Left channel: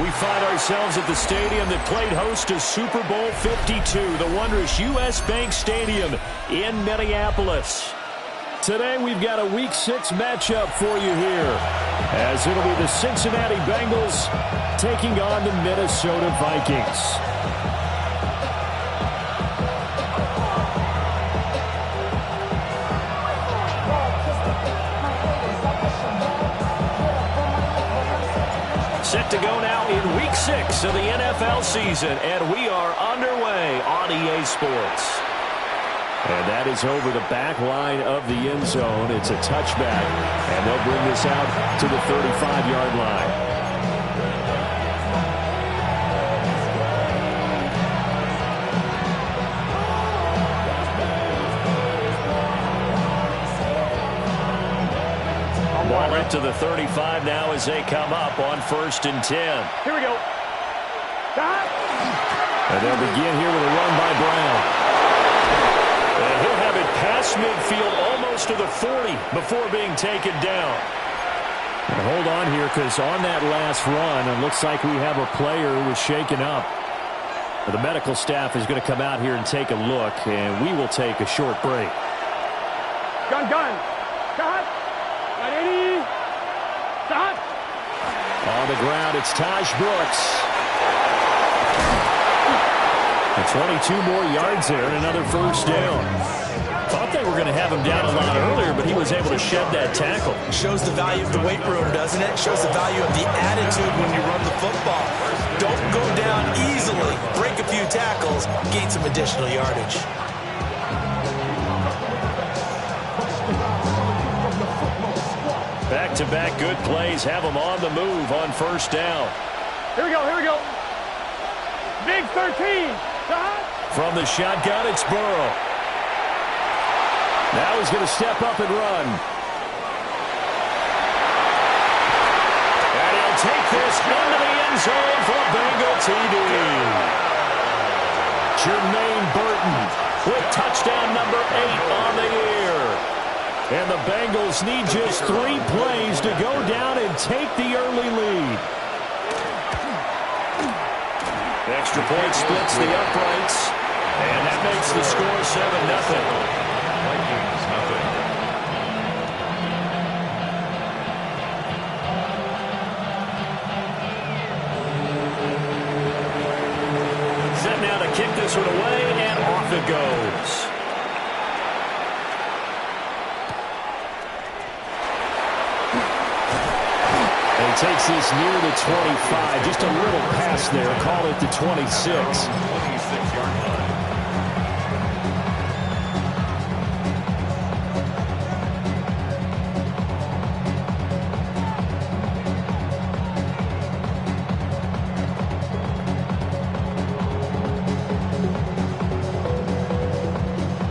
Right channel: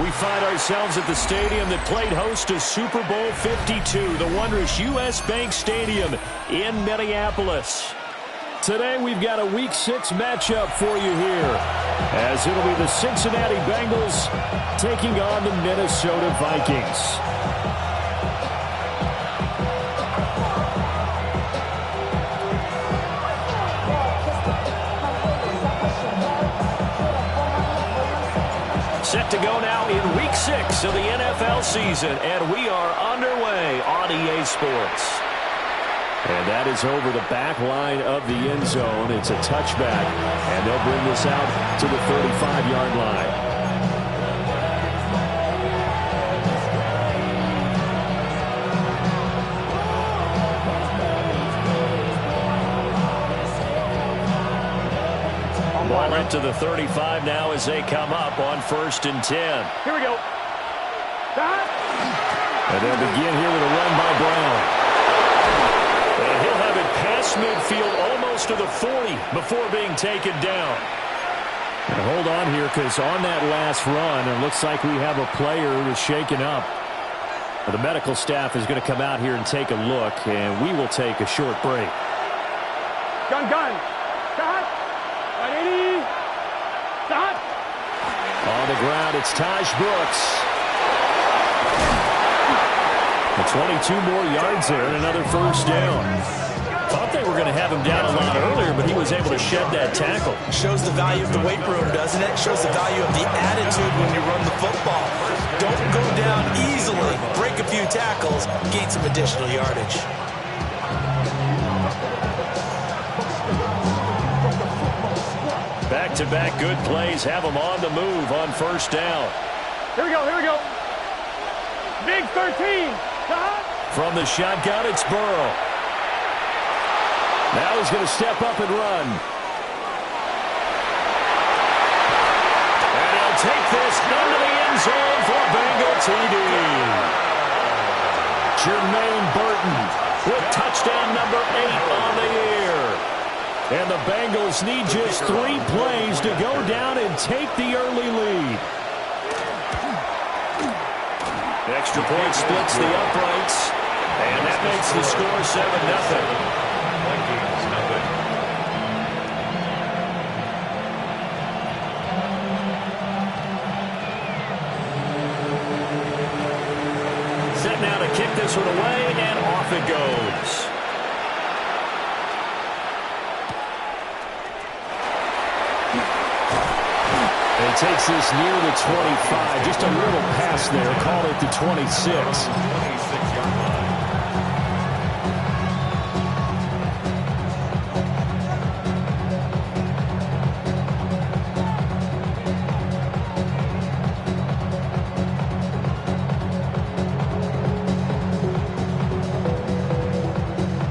We find ourselves at the stadium that played host to Super Bowl 52, the wondrous U.S. Bank Stadium in Minneapolis. Today we've got a Week 6 matchup for you here, as it'll be the Cincinnati Bengals taking on the Minnesota Vikings. Set to go now in Week 6 of the NFL season, and we are underway on EA Sports. And that is over the back line of the end zone. It's a touchback, and they'll bring this out to the 35-yard line. Ball up to the 35 now as they come up on 1st and 10. Here we go. And they'll begin here with a run by Brown. And he'll have it past midfield almost to the 40 before being taken down. And hold on here, because on that last run, it looks like we have a player who was shaken up. The medical staff is going to come out here and take a look, and we will take a short break. Gun. Stop. 180. Stop. On the ground, it's Taj Brooks. And 22 more yards there and another first down. Thought they were going to have him down a lot earlier, but he was able to shed that tackle. Shows the value of the weight room, doesn't it? Shows the value of the attitude when you run the football. Don't go down easily. Break a few tackles. Gain some additional yardage. Back-to-back good plays have them on the move on first down. Here we go. Big 13. From the shotgun, it's Burrow. Now he's going to step up and run. And he'll take this into the end zone for a Bengal TD. Jermaine Burton with touchdown number 8 on the year. And the Bengals need just 3 plays to go down and take the early lead. Extra point splits the uprights, and that makes the score 7-0. Vikings, nothing. Set now to kick this one away, and off it goes. And he takes this near the 25. Just a little pass there. Call it the 26. 26-yard line.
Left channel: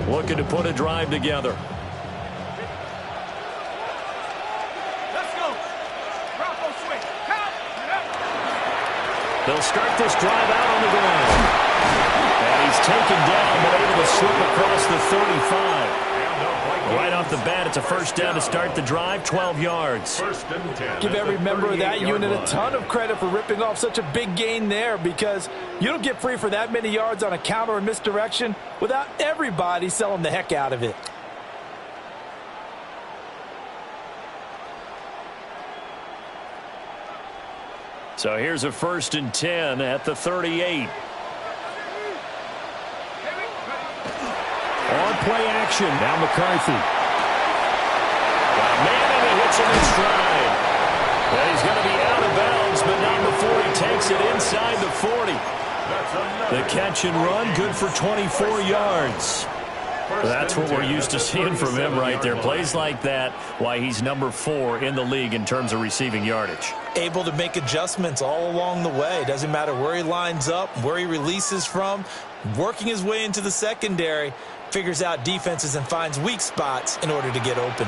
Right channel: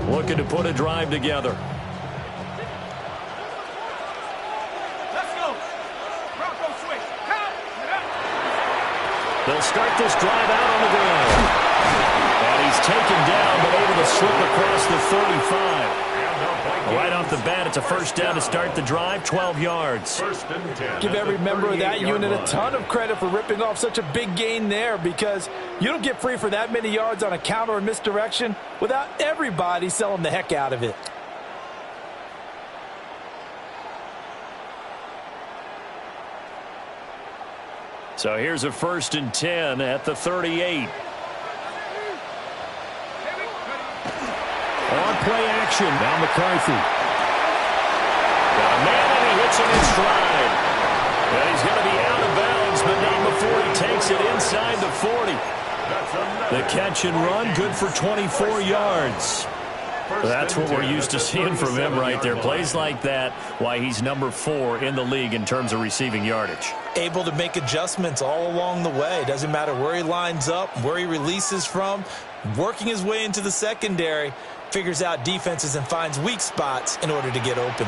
Looking to put a drive together. They'll start this drive out on the ground. And he's taken down, but able to slip across the 35. Right off the bat, it's a first down to start the drive, 12 yards. Give every member of that unit a ton of credit for ripping off such a big gain there, because you don't get free for that many yards on a counter or misdirection without everybody selling the heck out of it. So here's a 1st and 10 at the 38. On play action. Now McCarthy. Got a man, and he hits him in stride. And he's going to be out of bounds, but not before he takes it inside the 40. The catch and run, good for 24 yards. That's what we're used to seeing from him right there. Plays like that, why he's number 4 in the league in terms of receiving yardage. Able to make adjustments all along the way. Doesn't matter where he lines up, where he releases from. Working his way into the secondary, figures out defenses and finds weak spots in order to get open.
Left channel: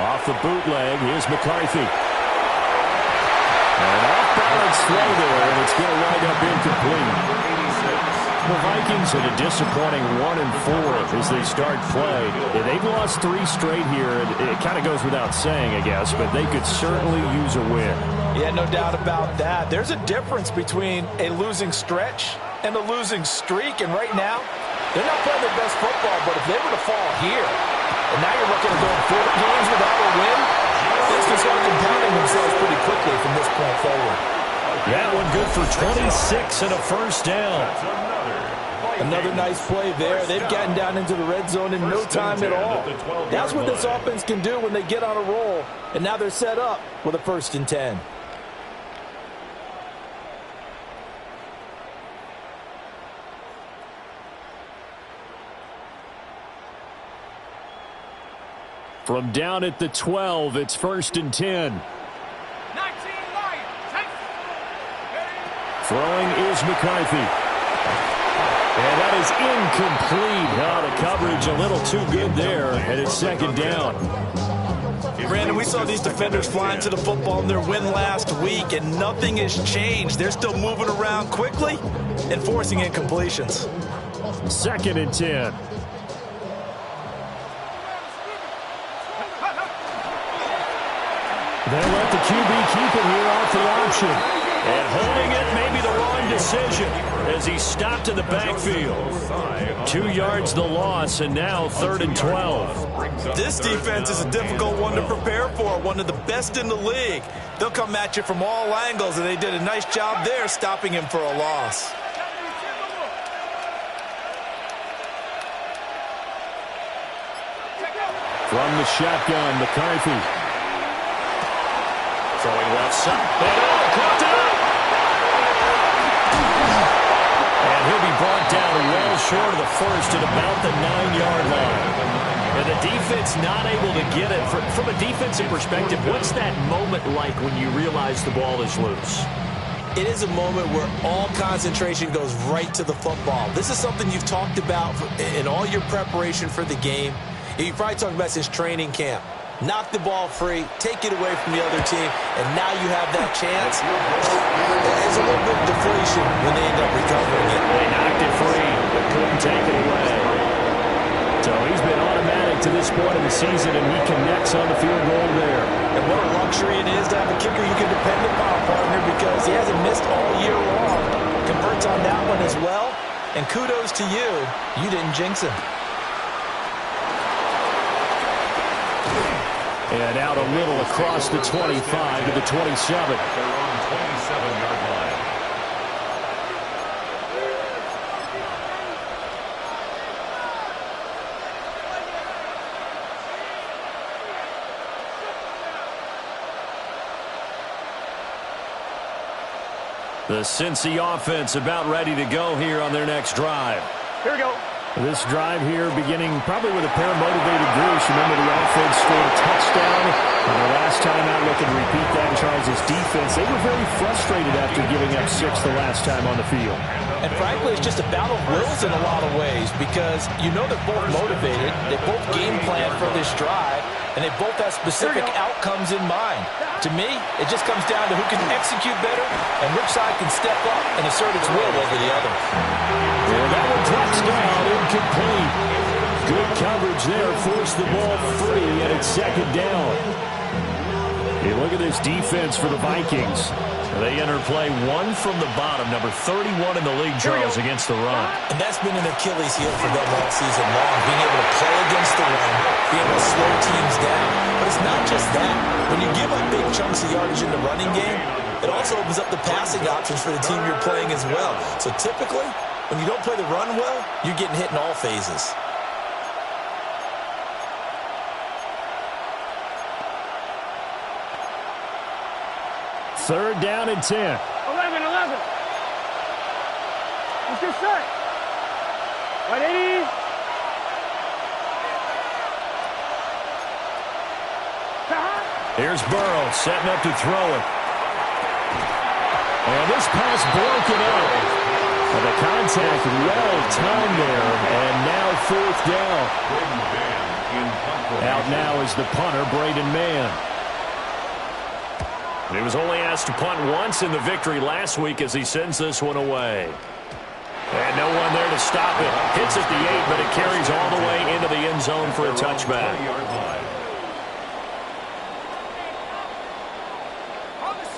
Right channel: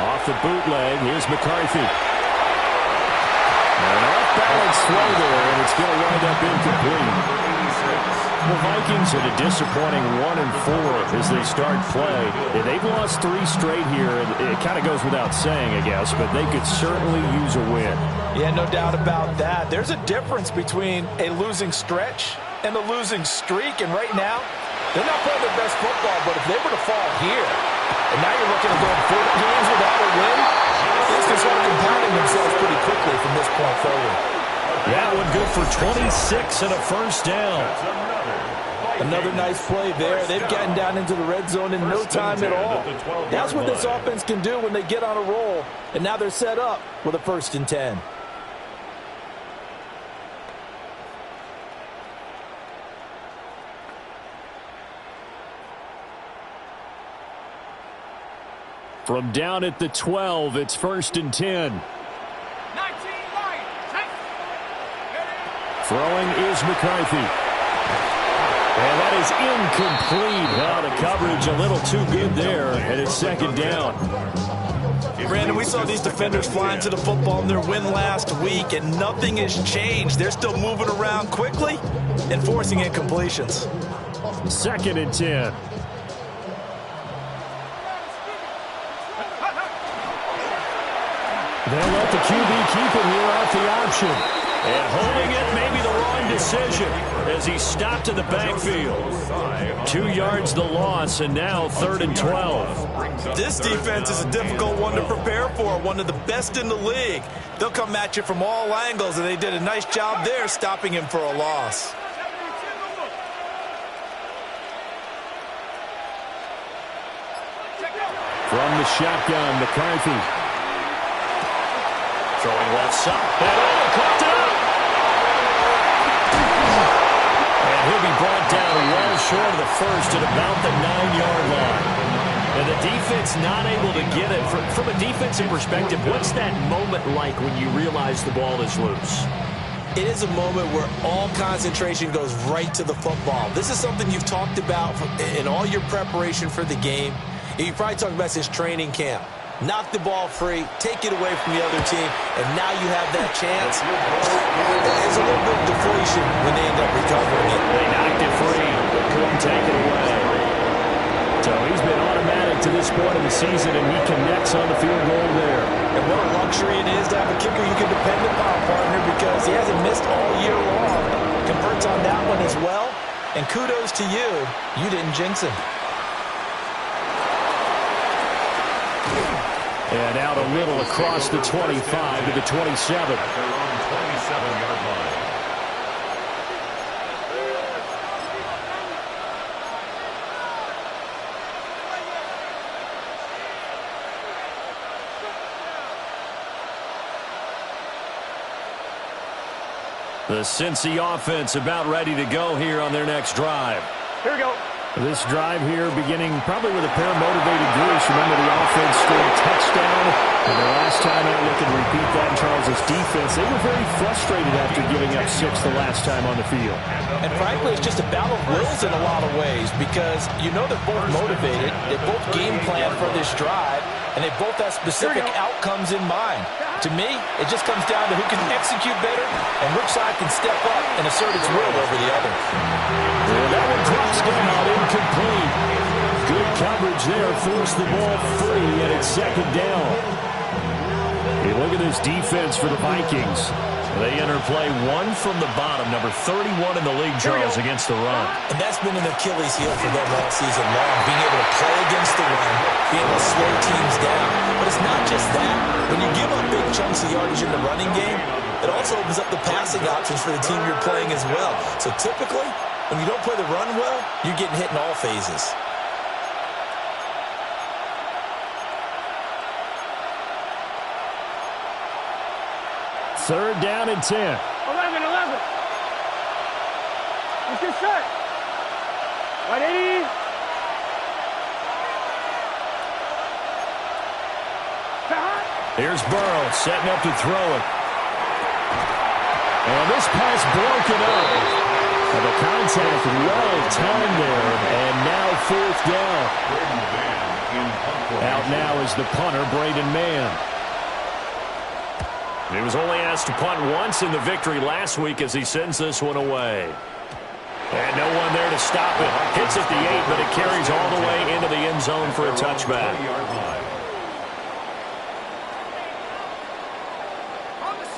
Off the bootleg, here's McCarthy. An off-balance throw there, and it's going to wind up incomplete. The Vikings at a disappointing 1-4 as they start play. They've lost 3 straight here. It kind of goes without saying, I guess, but they could certainly use a win. Yeah, no doubt about that. There's a difference between a losing stretch and a losing streak. And right now, they're not playing their best football, but if they were to fall here, and now you're looking at going 4 games without a win, things can start compounding themselves pretty quickly from this point forward. That one good for 26 and a first down. Another nice play there. They've gotten down into the red zone in no time at all. That's what this offense can do when they get on a roll. And now they're set up with a 1st and 10. From down at the 12, it's 1st and 10. 19 Lions. Throwing is McCarthy. And that is incomplete. The coverage a little too good there, and it's 2nd down. Brandon, we saw these defenders flying to the football in their win last week, and nothing has changed. They're still moving around quickly and forcing incompletions. 2nd and 10. They'll let the QB keep it here off the option. And holding it may be the wrong decision as he stopped in the backfield. 2 yards the loss, and now 3rd and 12. This defense is a difficult one to prepare for, one of the best in the league. They'll come at you from all angles, and they did a nice job there stopping him for a loss. From the shotgun, McCarthy. Throwing left side. And caught it up. And he'll be brought down well short of the 1st at about the 9-yard line. And the defense not able to get it. From a defensive perspective, what's that moment like when you realize the ball is loose? It is a moment where all concentration goes right to the football. This is something you've talked about in all your preparation for the game. You've probably talked about since training camp. Knock the ball free, take it away from the other team, and now you have that chance. There's a little bit of deflation when they end up recovering it. They knocked it free, but couldn't take it away. So he's been automatic to this point of the season, and he connects on the field goal there. And what a luxury it is to have a kicker you can depend upon, partner, because he hasn't missed all year long. Converts on that one as well, and kudos to you. You didn't jinx him. And out a little across the 25 to the 27. At their own 27-yard line. The Cincy offense about ready to go here on their next drive. Here we go. This drive here beginning probably with a pair of motivated groups. Remember, the offense scored a touchdown on their last time out. Looking to repeat that in Charles's defense. They were very frustrated after giving up 6 the last time on the field. And frankly, it's just a battle of wills in a lot of ways because you know they're both motivated. They both game plan for this drive, and they both have specific outcomes in mind. To me, it just comes down to who can execute better and which side can step up and assert its will over the other. Yeah, that one drops down, incomplete. Good coverage there, forced the ball free, and it's 2nd down. Hey, look at this defense for the Vikings. They enter play 1 from the bottom, number 31 in the league, Charles, against the run. And that's been an Achilles heel for them all season long, being able to play against the run, being able to slow teams down. But it's not just that. When you give up big chunks of yardage in the running game, it also opens up the passing options for the team you're playing as well. So typically, when you don't play the run well, you're getting hit in all phases. Third down and 10. 11. Let's get set. Right, 80. Here's Burrow setting up to throw it. And this pass broken up. And the contact well timed there. And now 4th down. Out now is the punter, Braden Mann. He was only asked to punt once in the victory last week as he sends this one away. And no one there to stop it. Hits at the 8, but it carries all the way into the end zone for a touchback.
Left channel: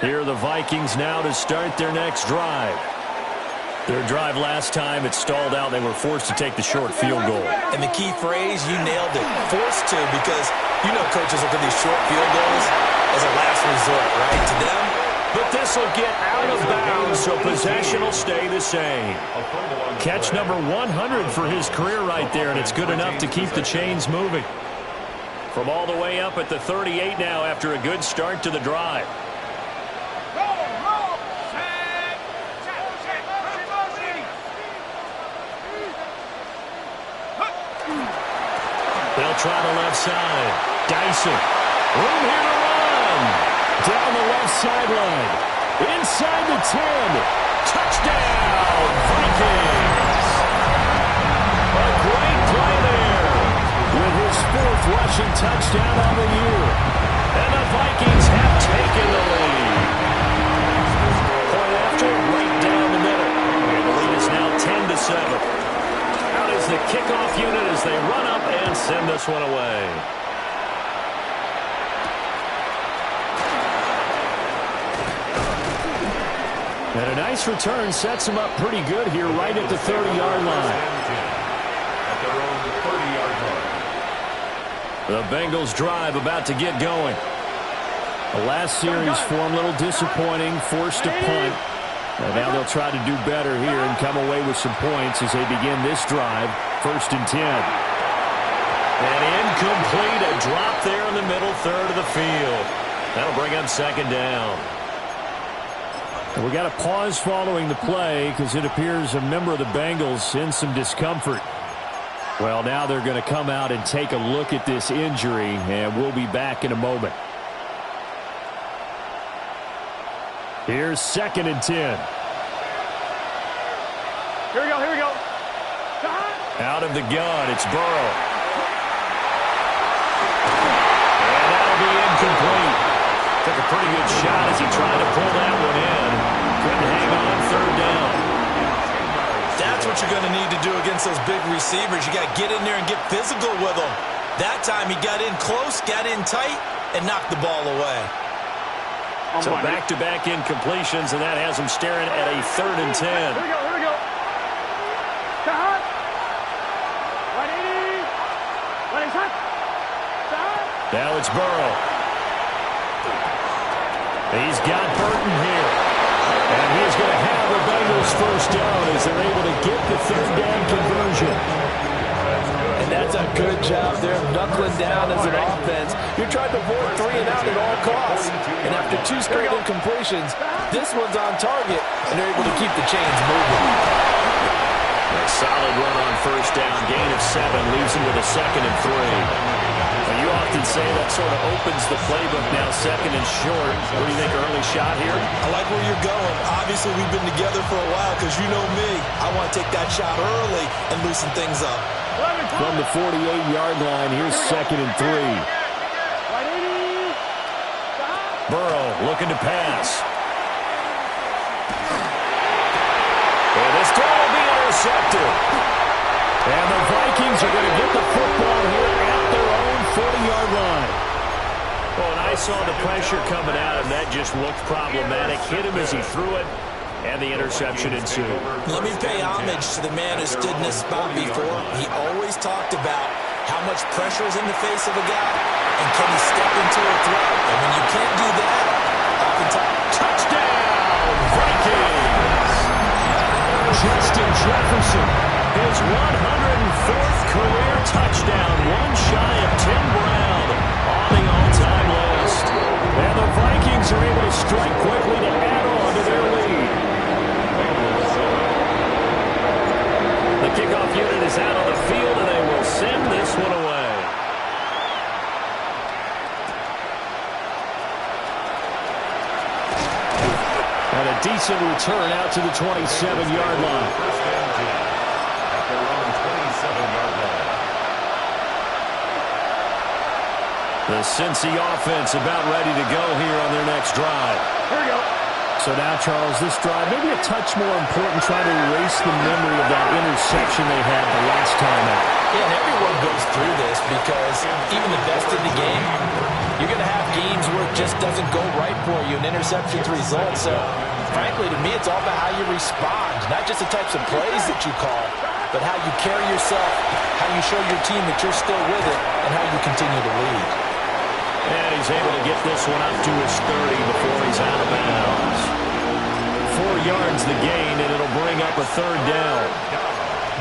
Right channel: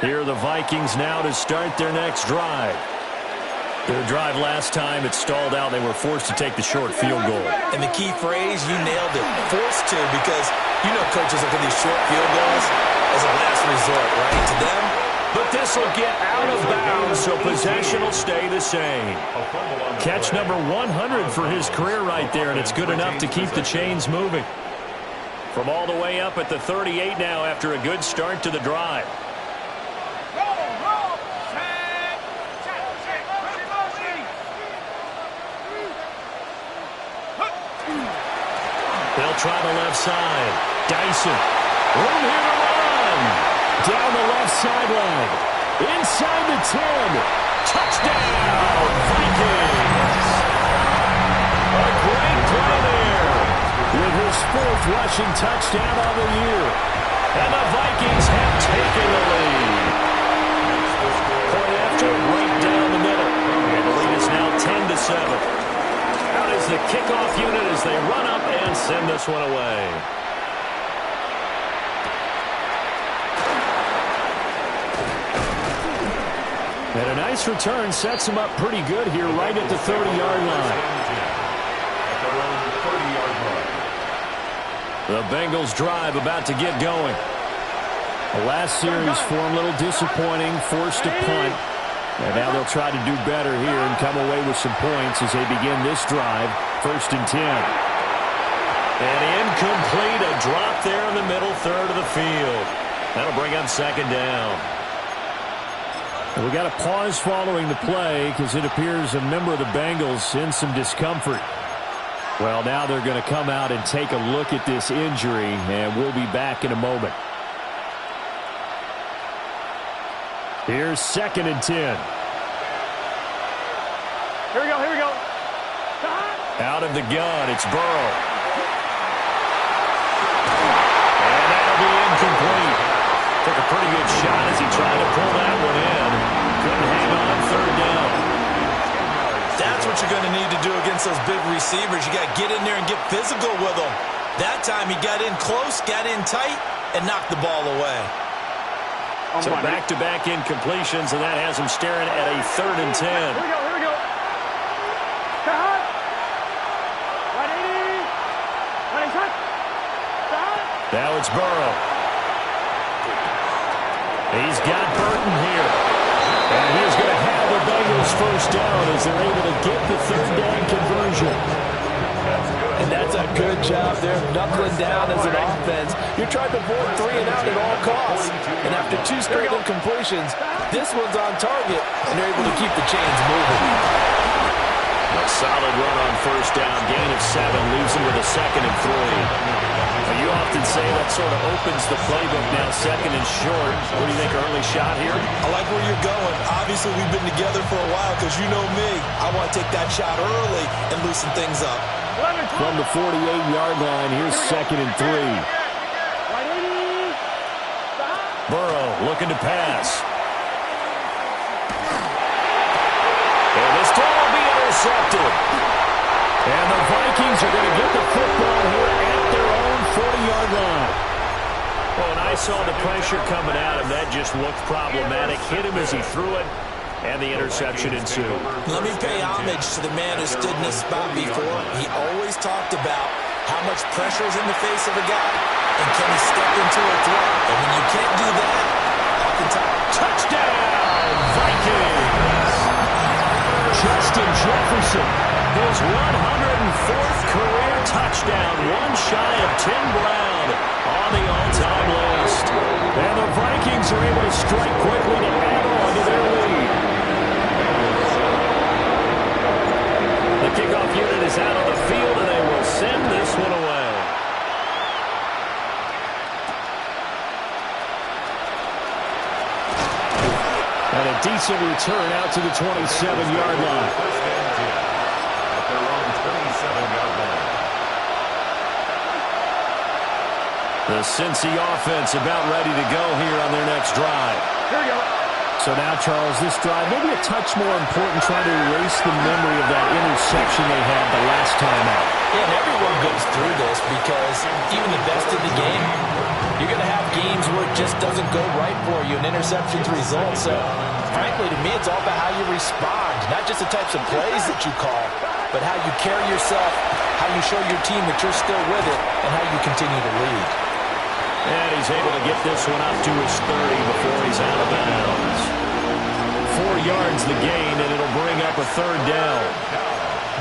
Here are the Vikings now to start their next drive. Their drive last time, it stalled out. They were forced to take the short field goal. And the key phrase, you nailed it, forced to, because you know coaches look at these short field goals as a last resort, right, to them. But this will get out of bounds, so possession will stay the same. Catch number 100 for his career right there, and it's good enough to keep the chains moving. From all the way up at the 38 now after a good start to the drive. They'll try the left side. Dyson. Room here to run. Down the left sideline. Inside the 10. Touchdown, Vikings. A great play there. With his 4th rushing touchdown on the year. And the Vikings have taken the lead. Point after, right down the middle. And the lead is now 10-7. Out is the kickoff unit as they run up and send this one away. And a nice return sets them up pretty good here right at the 30-yard line. At their own 30-yard line. The Bengals drive about to get going. The last series for them, a little disappointing, forced to punt. And now they'll try to do better here and come away with some points as they begin this drive. 1st and 10. And incomplete, a drop there in the middle third of the field. That'll bring up 2nd down. And we got a pause following the play because it appears a member of the Bengals in some discomfort. Well, now they're going to come out and take a look at this injury, and we'll be back in a moment. Here's 2nd and 10. Here we go. Out of the gun, it's Burrow. And that'll be incomplete. Took a pretty good shot as he tried to pull that one in. Couldn't hang on 3rd down. That's what you're going to need to do against those big receivers. You got to get in there and get physical with them. That time he got in close, got in tight, and knocked the ball away. So back-to-back incompletions, and that has him staring at a 3rd and 10. Here we go. Cut. 180. 180. Cut. Now it's Burrow. He's got Burton here. And he's going to have the Bengals 1st down as they're able to get the 3rd down conversion. And that's a good job there, knuckling down as an offense. You're trying to avoid 3 and out at all costs. And after 2 straight incompletions, this one's on target, and they're able to keep the chains moving. A solid run on 1st down. Gain of 7 leaves him with a 2nd and 3. Well, you often say that sort of opens the playbook now, 2nd and short. What do you think, early shot here? I like where you're going. Obviously, we've been together for a while because you know me. I want to take that shot early and loosen things up. From the 48-yard line, here's 2nd and 3. Burrow looking to pass. And this throw will be intercepted. And the Vikings are going to get the football here at their own 40-yard line. Oh, and I saw the pressure coming at him. That just looked problematic. Hit him as he threw it. And the interception ensued. Let me pay homage to the man who stood in this spot before. He always talked about how much pressure is in the face of a guy and can he step into a throw. And when you can't do that, oftentimes... Touchdown, Vikings! Justin Jefferson, his 104th career touchdown, one shy of Tim Brown on the all-time list. And the Vikings are able to strike quickly to add on to their lead. The kickoff unit is out on the field, and they will send this one away. And a decent return out to the 27-yard line. 1st and 10 at their own 27-yard line. The Cincy offense about ready to go here on their next drive. Here we go. So now, Charles, this drive, maybe a touch more important, trying to erase the memory of that interception they had the last time out. Yeah, and everyone goes through this because even the best in the game, you're going to have games where it just doesn't go right for you, and interceptions result. So, frankly, to me, it's all about how you respond, not just the types of plays that you call, but how you carry yourself, how you show your team that you're still with it, and how you continue to lead. And he's able to get this one up to his 30 before he's out of bounds. 4 yards the gain, and it'll bring up a third down.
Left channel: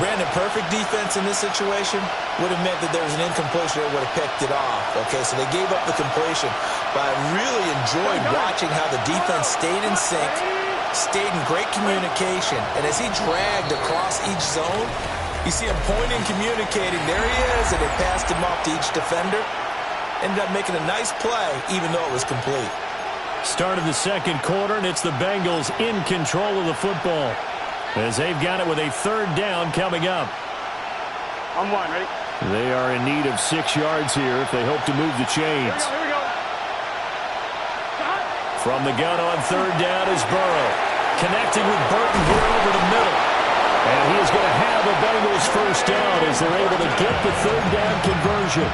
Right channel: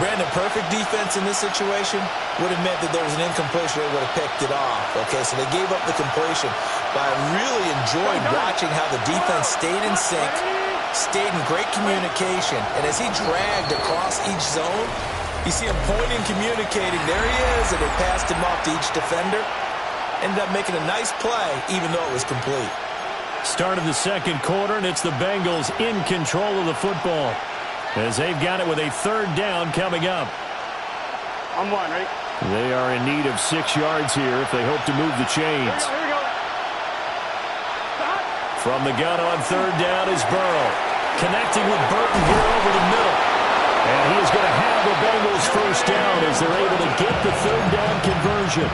Brandon, perfect defense in this situation would have meant that there was an incompletion. They would have picked it off. Okay, so they gave up the completion. But I really enjoyed watching how the defense stayed in sync, stayed in great communication. And as he dragged across each zone, you see him pointing, communicating. There he is, and they passed him off to each defender. Ended up making a nice play, even though it was complete. Start of the second quarter, and it's the Bengals in control of the football, as they've got it with a third down coming up. On one, ready? They are in need of 6 yards here if they hope to move the chains. Here we go. From the gun on third down is Burrow. Connecting with Burton here over the middle. And he is going to have a Bengals first down as they're able to get the third down conversion.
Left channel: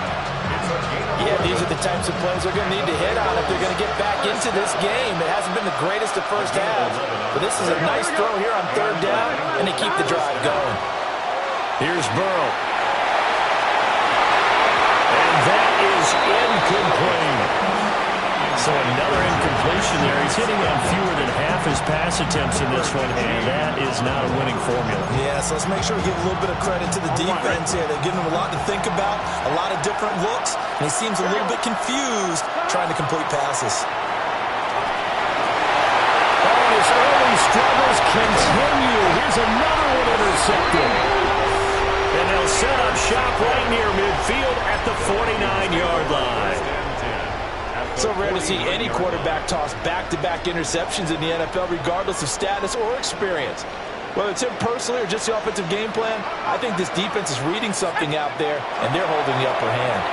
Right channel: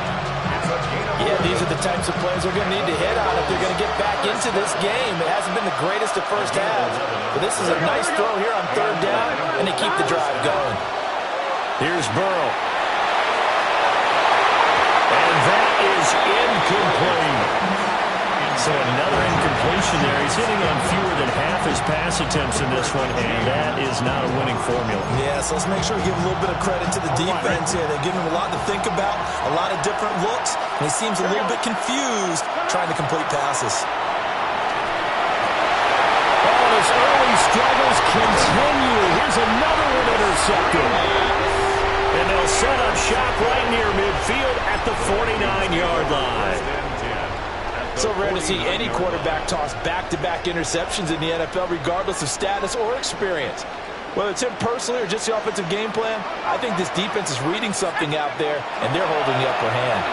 Yeah, these are the types of plays they're going to need to hit on if they're going to get back into this game. It hasn't been the greatest of first halves, but this is a nice throw here on third down, and they keep the drive going. Here's Burrow. And that is incomplete. So another incompletion there. He's hitting on fewer than half his pass attempts in this one, and that is not a winning formula. Yeah, so let's make sure we give a little bit of credit to the defense here. They're giving him a lot to think about, a lot of different looks, and he seems a little bit confused trying to complete passes. Oh, and his early struggles continue. Here's another one intercepted. And they'll set up shop right near midfield at the 49-yard line. So rare to see any quarterback toss back-to-back interceptions in the NFL, regardless of status or experience. Whether it's him personally or just the offensive game plan, I think this defense is reading something out there, and they're holding the upper hand.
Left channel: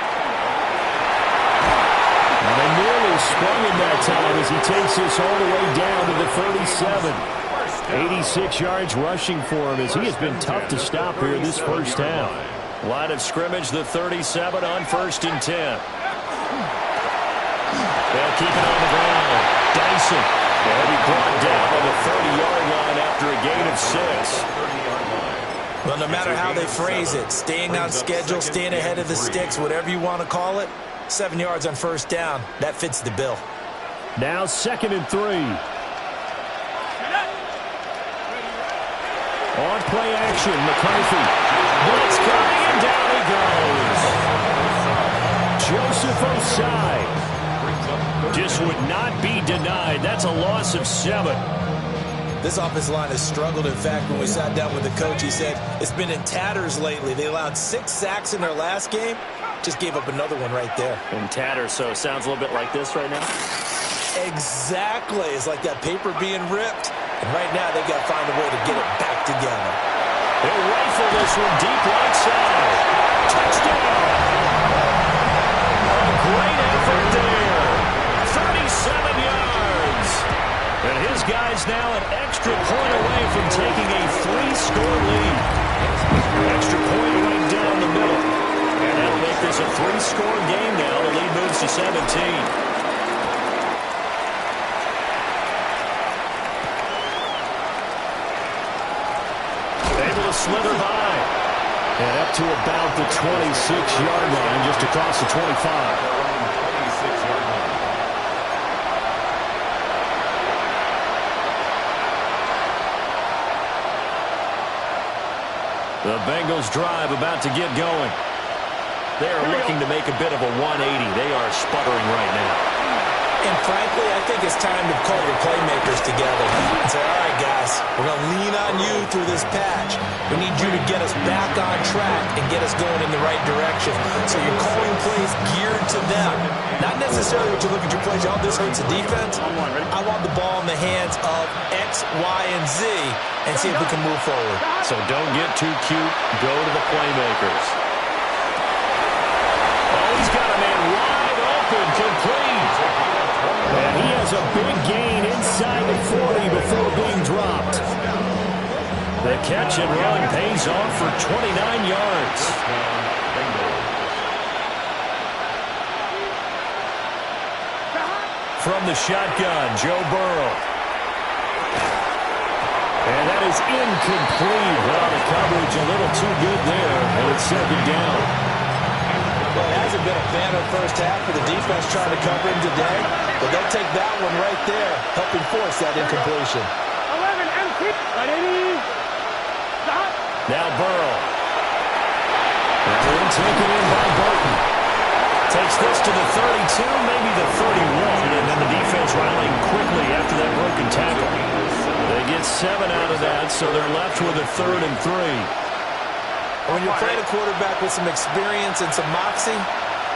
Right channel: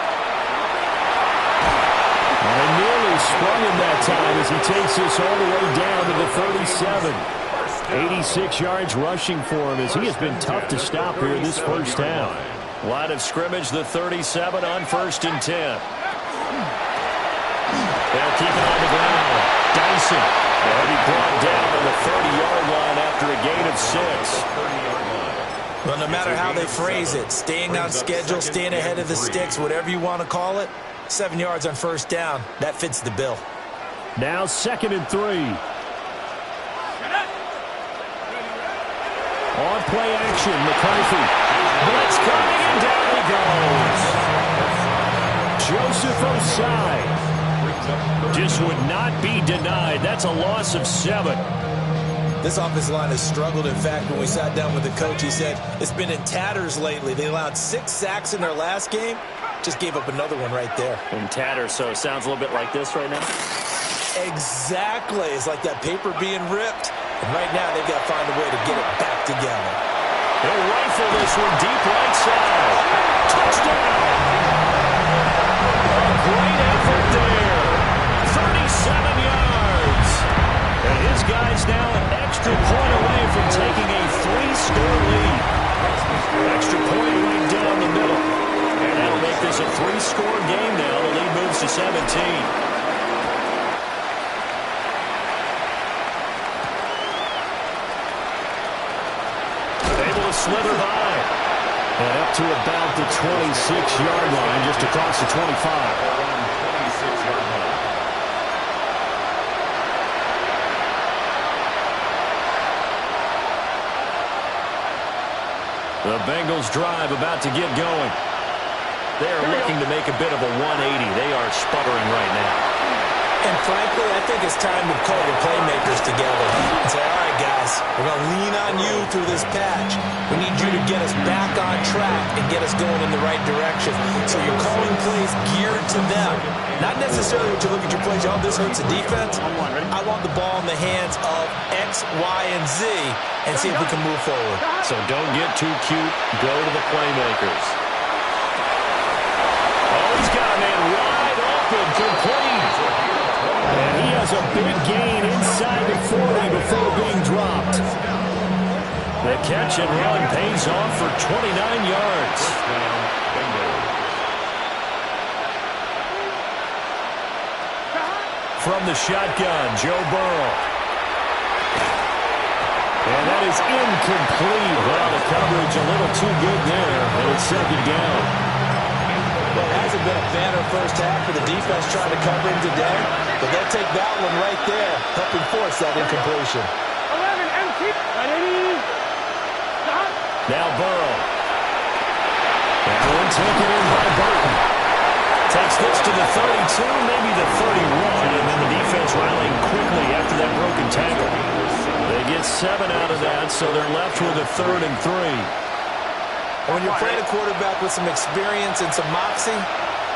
Well, they nearly sprung him that time as he takes this all the way down to the 37. 86 yards rushing for him as he has been tough to stop here this first half. Line of scrimmage, the 37 on 1st and 10. They'll keep it on the ground. Dyson. They'll be brought down on the 30-yard line after a gain of 6. Well, no matter how they phrase it, staying on schedule, staying ahead of the sticks, whatever you want to call it, 7 yards on first down, that fits the bill. Now 2nd and 3. On play action, McCarthy. Blitz coming, and down he goes. Joseph Osai. Just would not be denied. That's a loss of 7. This offensive line has struggled. In fact, when we sat down with the coach, he said it's been in tatters lately. They allowed 6 sacks in their last game. Just gave up another one right there. In tatters, so it sounds a little bit like this right now? Exactly. It's like that paper being ripped. And right now, they've got to find a way to get it back together. He'll rifle this one deep right side. Touchdown! A great effort there. 37 yards. And his guy's now an extra point away from taking a 3-score lead. Extra point right down the middle. And that'll make this a 3-score game now. The lead moves to 17. Able to slither by. And up to about the 26-yard line, just across the 25. 26-yard line. The Bengals drive about to get going. They are looking to make a bit of a 180. They are sputtering right now. And frankly, I think it's time to call your playmakers together and say, all right, guys, we're going to lean on you through this patch. We need you to get us back on track and get us going in the right direction. So you're calling plays geared to them. Not necessarily what you look at your plays, oh, this hurts the defense. I want the ball in the hands of X, Y, and Z and see if we can move forward. So don't get too cute. Go to the playmakers. Oh, he's got a man wide open, complete. And he has has a big gain inside the 40 before being dropped. The catch and run pays off for 29 yards. From the shotgun, Joe Burrow. And that is incomplete. Well, the coverage a little too good there, and it's second down. Well, it hasn't been a banner first half for the defense trying to cover him today, but they'll take that one right there, helping force that incompletion. 11 empty. 180. Stop. Now Burrow. That one taken in by Burton. Takes this to the 32, maybe the 31, and then the defense rallying quickly after that broken tackle. They get 7 out of that, so they're left with a 3rd and 3. When you're playing a quarterback with some experience and some moxie,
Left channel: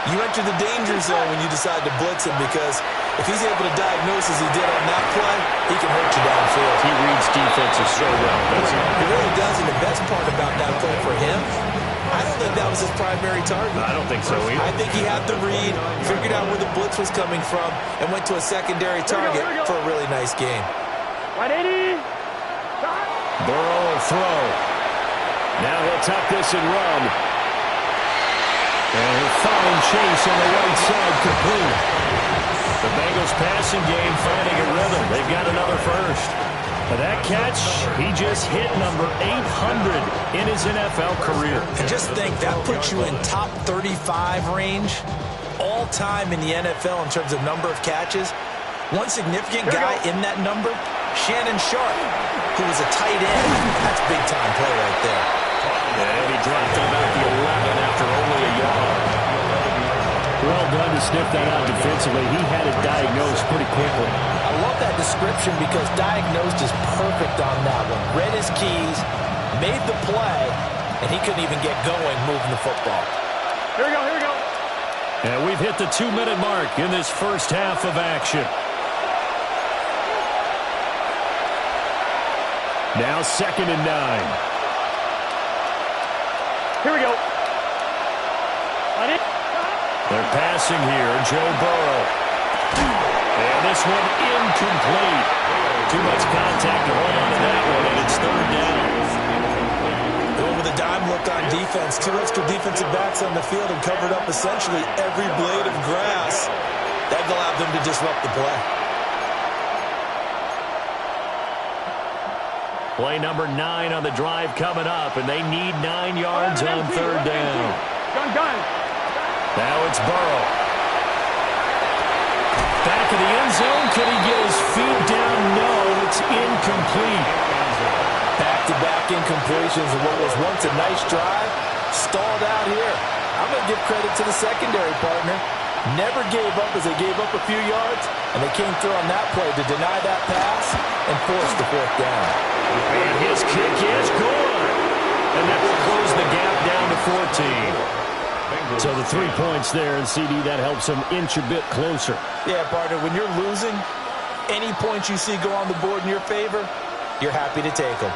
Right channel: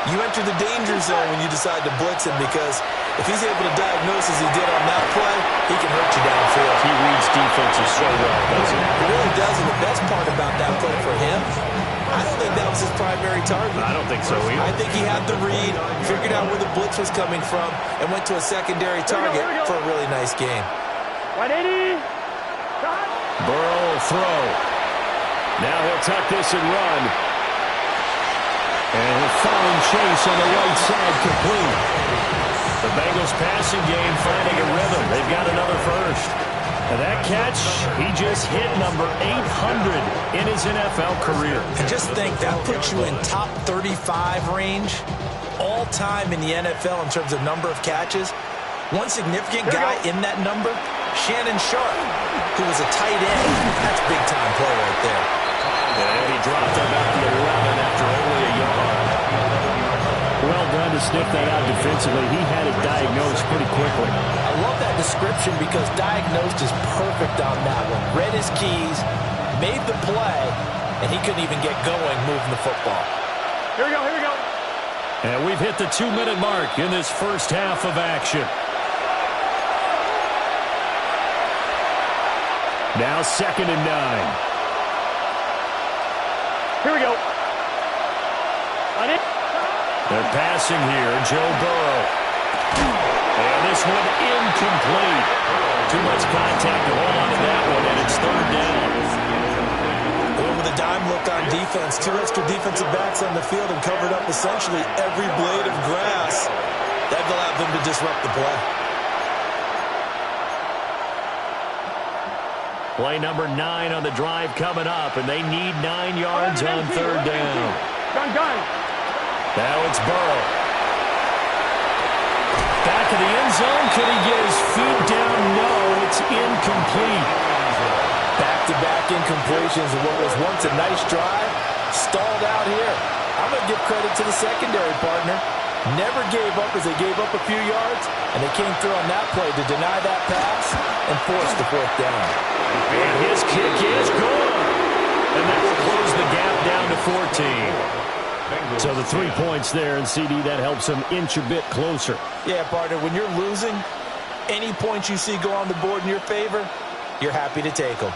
you enter the danger zone when you decide to blitz him, because if he's able to diagnose as he did on that play, he can hurt you downfield. He reads defenses so well, doesn't he? He really does, and the best part about that play for him, I don't think that was his primary target. I don't think so either. I think he had the read, figured out where the blitz was coming from, and went to a secondary target for a really nice gain. 180. Stop. Burrow will throw. Now he'll tuck this and run. And he'll find Chase on the right side complete. The Bengals passing game finding a rhythm. They've got another first. And that catch, he just hit number 800 in his NFL career. And just think, that puts you in top 35 range all time in the NFL in terms of number of catches. One significant guy in that number, Shannon Sharp, who was a tight end. That's big-time play right there. And he'll be dropped at about the 11 after only a yard. Well done to sniff that out defensively. He had it diagnosed pretty quickly. I love that description because diagnosed is perfect on that one. Read his keys, made the play, and he couldn't even get going moving the football. Here we go, here we go. And we've hit the 2-minute mark in this first half of action. Now 2nd and 9. Here we go. They're passing here, Joe Burrow. And this one incomplete. Too much contact to hold on to that one, and it's 3rd down. Going with a dime look on defense. 2 extra defensive backs on the field and covered up essentially every blade of grass. That allowed them to disrupt the play. Play number 9 on the drive coming up, and they need 9 yards on 3rd down. Gun. Now it's Burrow. Back of the end zone. Could he get his feet down? No, it's incomplete. Back-to-back incompletions of what was once a nice drive. Stalled out here. I'm going to give credit to the secondary partner. Never gave up as they gave up a few yards, and they came through on that play to deny that pass and force the 4th down. And his kick is gone. And that will close the gap down to 14. So the 3 points there, and CD, that helps them inch a bit closer. Yeah, partner, when you're losing, any points you see go on the board in your favor, you're happy to take them.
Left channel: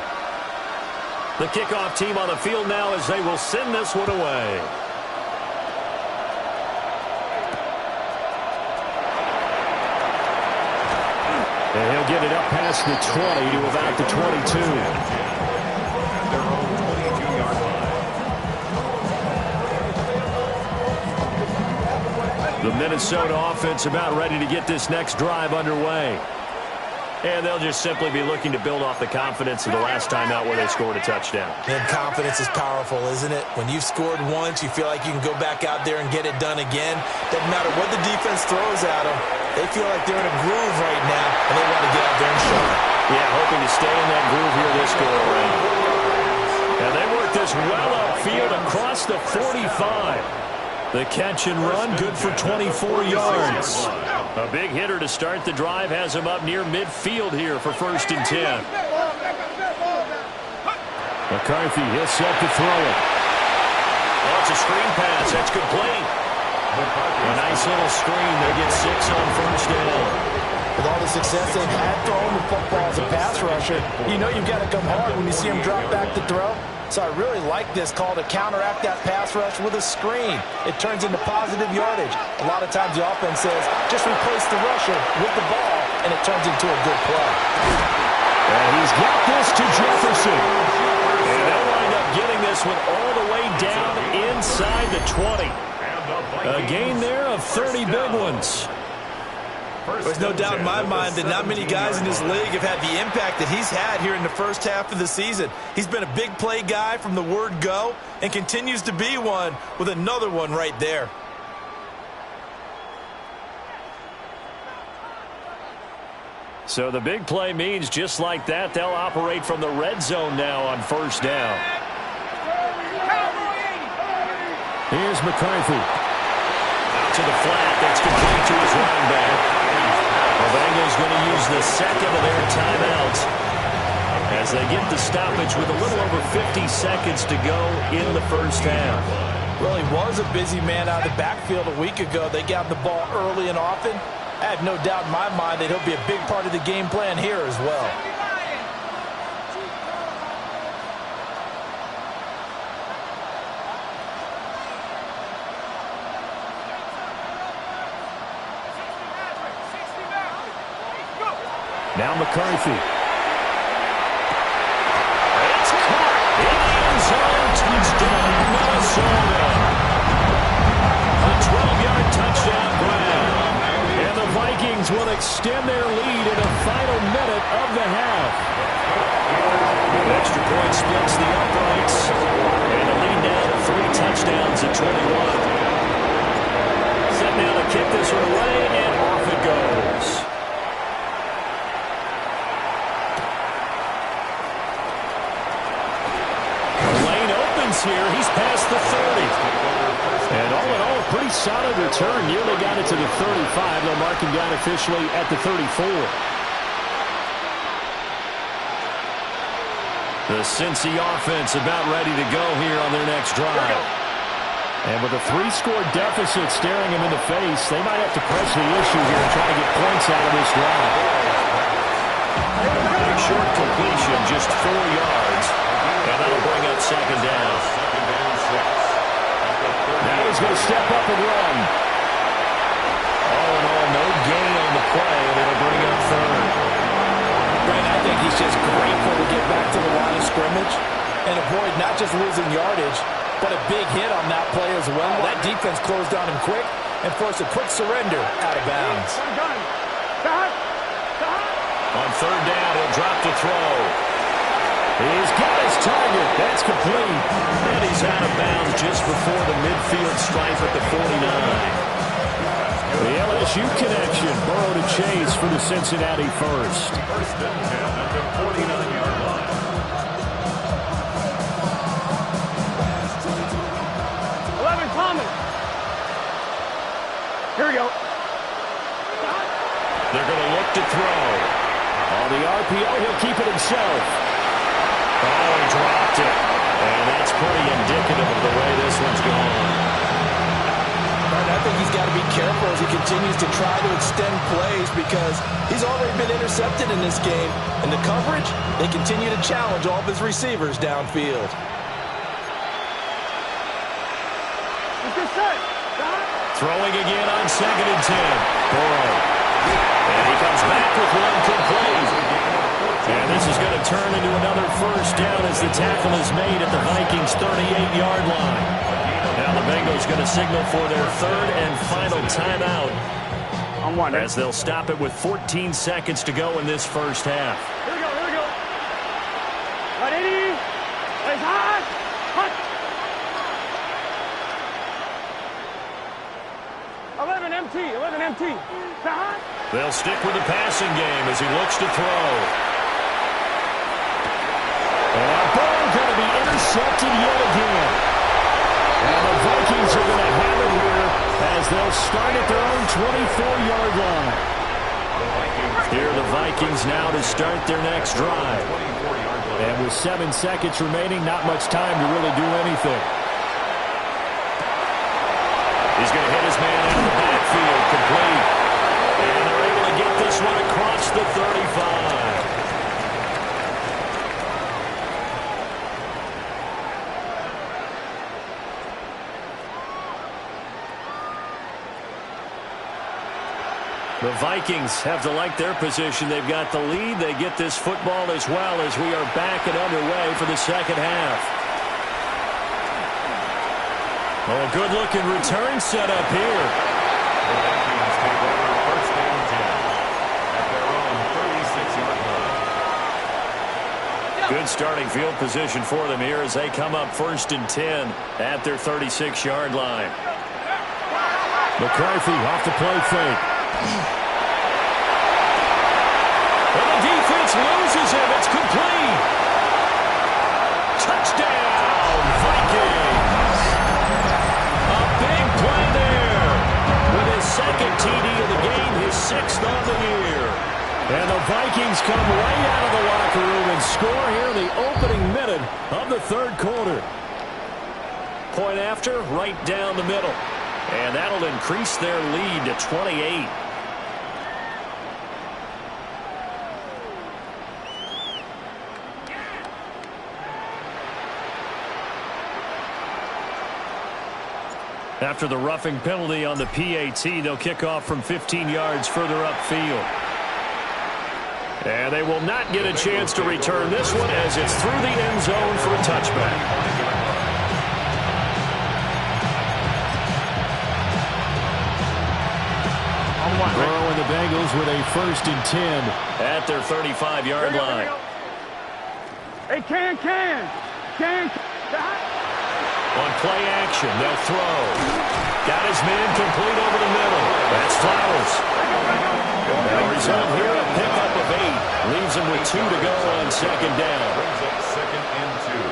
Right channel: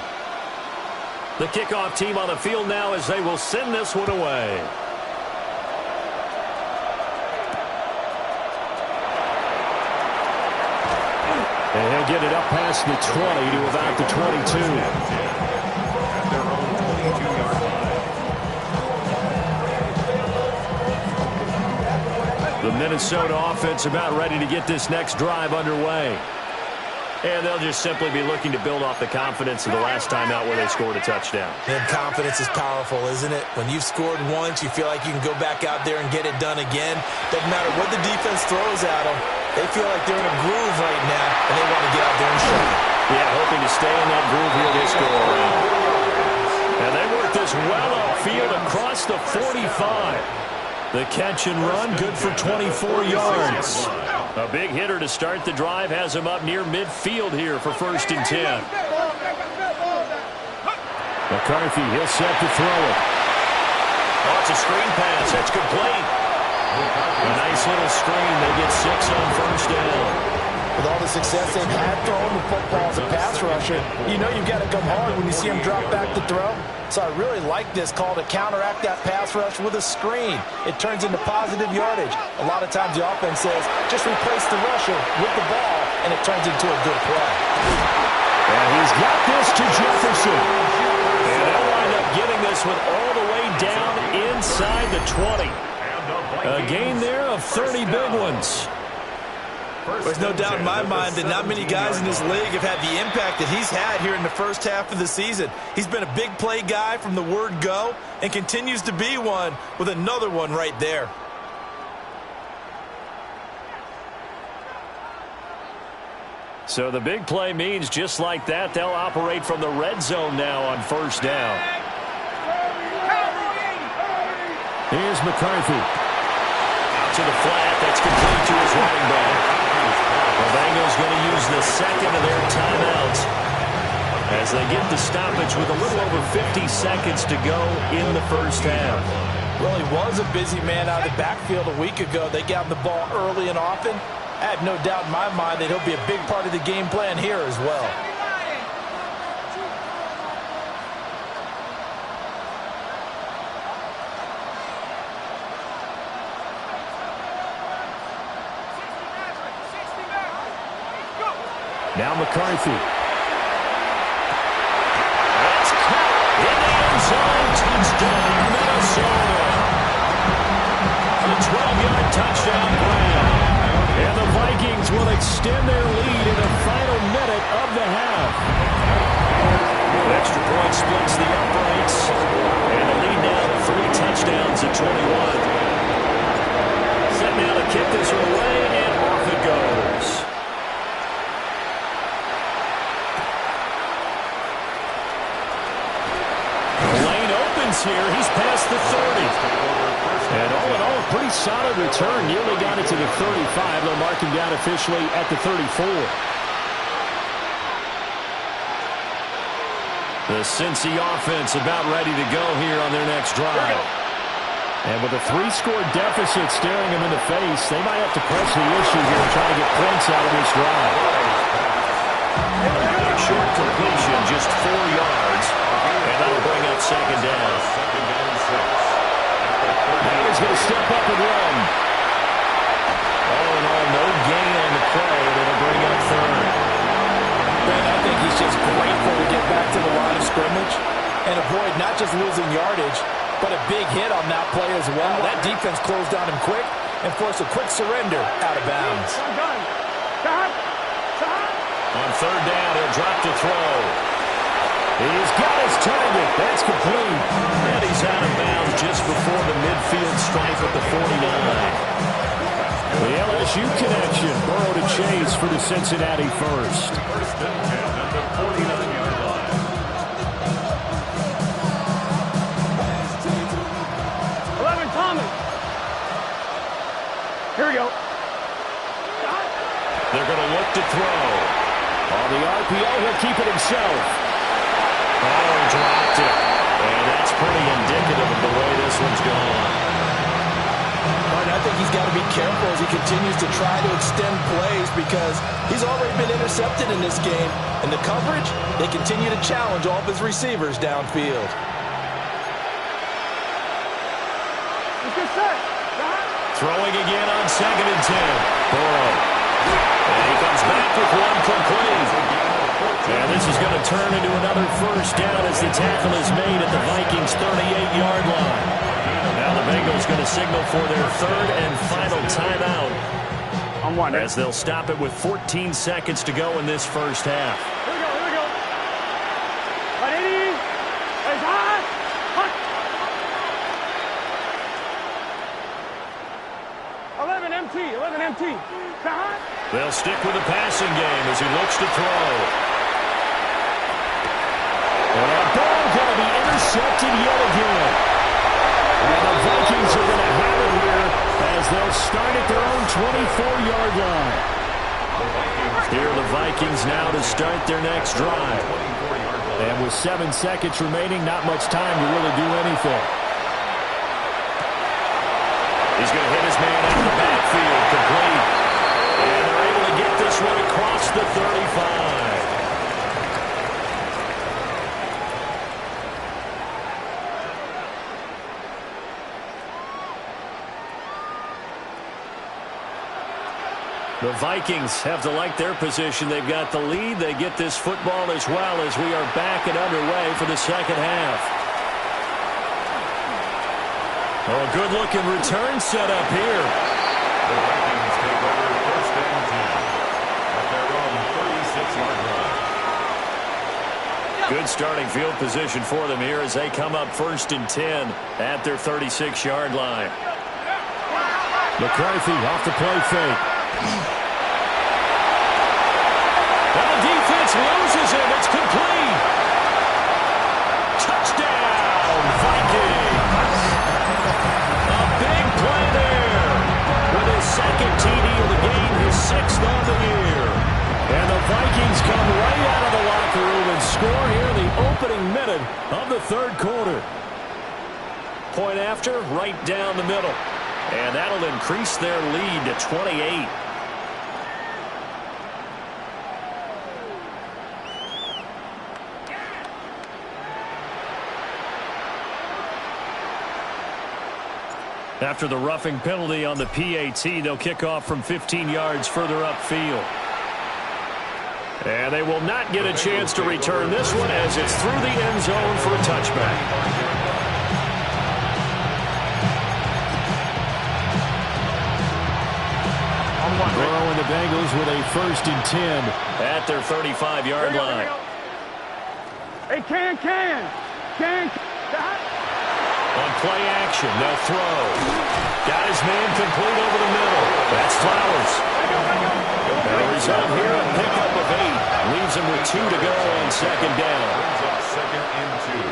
The kickoff team on the field now as they will send this one away. And he'll get it up past the 20 to about the 22. At their own 22-yard line. The Minnesota offense about ready to get this next drive underway. And they'll just simply be looking to build off the confidence of the last time out where they scored a touchdown. And confidence is powerful, isn't it? When you've scored once, you feel like you can go back out there and get it done again. Doesn't matter what the defense throws at them. They feel like they're in a groove right now, and they want to get out there and show it. Yeah, hoping to stay in that groove here this go-around. And they work this well upfield across the 45. The catch and run, good for 24 yards. A big hitter to start the drive has him up near midfield here for 1st and 10. McCarthy, he'll set to throw it. Oh, it's a screen pass. That's complete. A nice little screen. They get 6 on 1st down. With all the success they've had throwing the football as a pass rusher, you know you've got to come hard when you see him drop back to throw. So I really like this call to counteract that pass rush with a screen. It turns into positive yardage. A lot of times the offense says, just replace the rusher with the ball, and it turns into a good play. And he's got this to Jefferson. And they'll wind up getting this one all the way down inside the 20. A gain there of 30 big ones. There's no doubt in my mind that not many guys in this league have had the impact that he's had here in the first half of the season. He's been a big play guy from the word go and continues to be one with another one right there. So the big play means just like that, they'll operate from the red zone now on first down. Here's McCarthy. Out to the flat. That's complete to his running back. The Bengals going to use the second of their timeouts as they get the stoppage with a little over 50 seconds to go in the first half. Well, he was a busy man out of the backfield a week ago. They got him the ball early and often. I have no doubt in my mind that he'll be a big part of the game plan here as well. Now McCarthy. It's caught in the end zone. Touchdown, Minnesota. A 12-yard touchdown grab. And the Vikings will extend their lead in the final minute of the half. Extra point splits the uprights. And the lead now to 3 touchdowns at 21. Set now to kick this one away, and off it goes. Here, he's past the 30. And all in all, a pretty solid return. Nearly got it to the 35. They'll mark him down officially at the 34. The Cincy offense about ready to go here on their next drive. And with a 3-score deficit staring him in the face, they might have to press the issue here and try to get points out of this drive. A short completion, just 4 yards. And that'll bring up second down. Now he's going to step up and run. All in all, no gain on the play, and it'll bring up third. Brandon, I think he's just grateful to get back to the line of scrimmage and avoid not just losing yardage, but a big hit on that play as well. That defense closed on him quick and forced a quick surrender out of bounds. On third down, he'll drop to throw. He's got his target. That's complete. And he's out of bounds just before the midfield stripe at the 49. The LSU connection. Burrow to Chase for the Cincinnati first. First and 10 at the 49-yard line. Thomas. Here we go. They're going to look to throw. On the RPO, he'll keep it himself. Oh, he dropped it. And that's pretty indicative of the way this one's gone. I think he's got to be careful as he continues to try to extend plays because he's already been intercepted in this game. And the coverage, they continue to challenge all of his receivers downfield. Throwing again on 2nd and 10. Burrow. And he comes back with one complete. And this is going to turn into another first down as the tackle is made at the Vikings' 38-yard line. Now the Bengals going to signal for their third and final timeout as they'll stop it with 14 seconds to go in this first half. Here we go, here we go. 180. Place hot. Hot. 11 MT, 11 MT. Hot. They'll stick with the passing game as he looks to throw. And that ball going to be intercepted yet again. And the Vikings are going to have it here as they'll start at their own 24-yard line. Here are the Vikings now to start their next drive. And with 7 seconds remaining, not much time to really do anything. He's going to hit his man out of the backfield, complete. And they're able to get this one across the 35. The Vikings have to like their position. They've got the lead. They get this football as well as we are back and underway for the second half. Oh, a good-looking return set up here. The Vikings take over first and 10 at their own 36-yard line. Good starting field position for them here as they come up first and 10 at their 36-yard line. McCarthy off the play fake. And the defense loses him. It's complete. Touchdown, Vikings. A big play there. With his second TD of the game, his 6th on the year. And the Vikings come right out of the locker room and score here in the opening minute of the third quarter. Point after, right down the middle. And that'll increase their lead to 28. After the roughing penalty on the PAT, they'll kick off from 15 yards further upfield. And they will not get a chance to return this one as it's through the end zone for a touchback. Burrow and the Bengals with a first and 10 at their 35-yard line. Hey, can. On play action, they'll throw. Got his man complete over the middle. That's Flowers. And a result here, a pickup of 8. Leaves him with 2 to go on second down. Brings up second and 2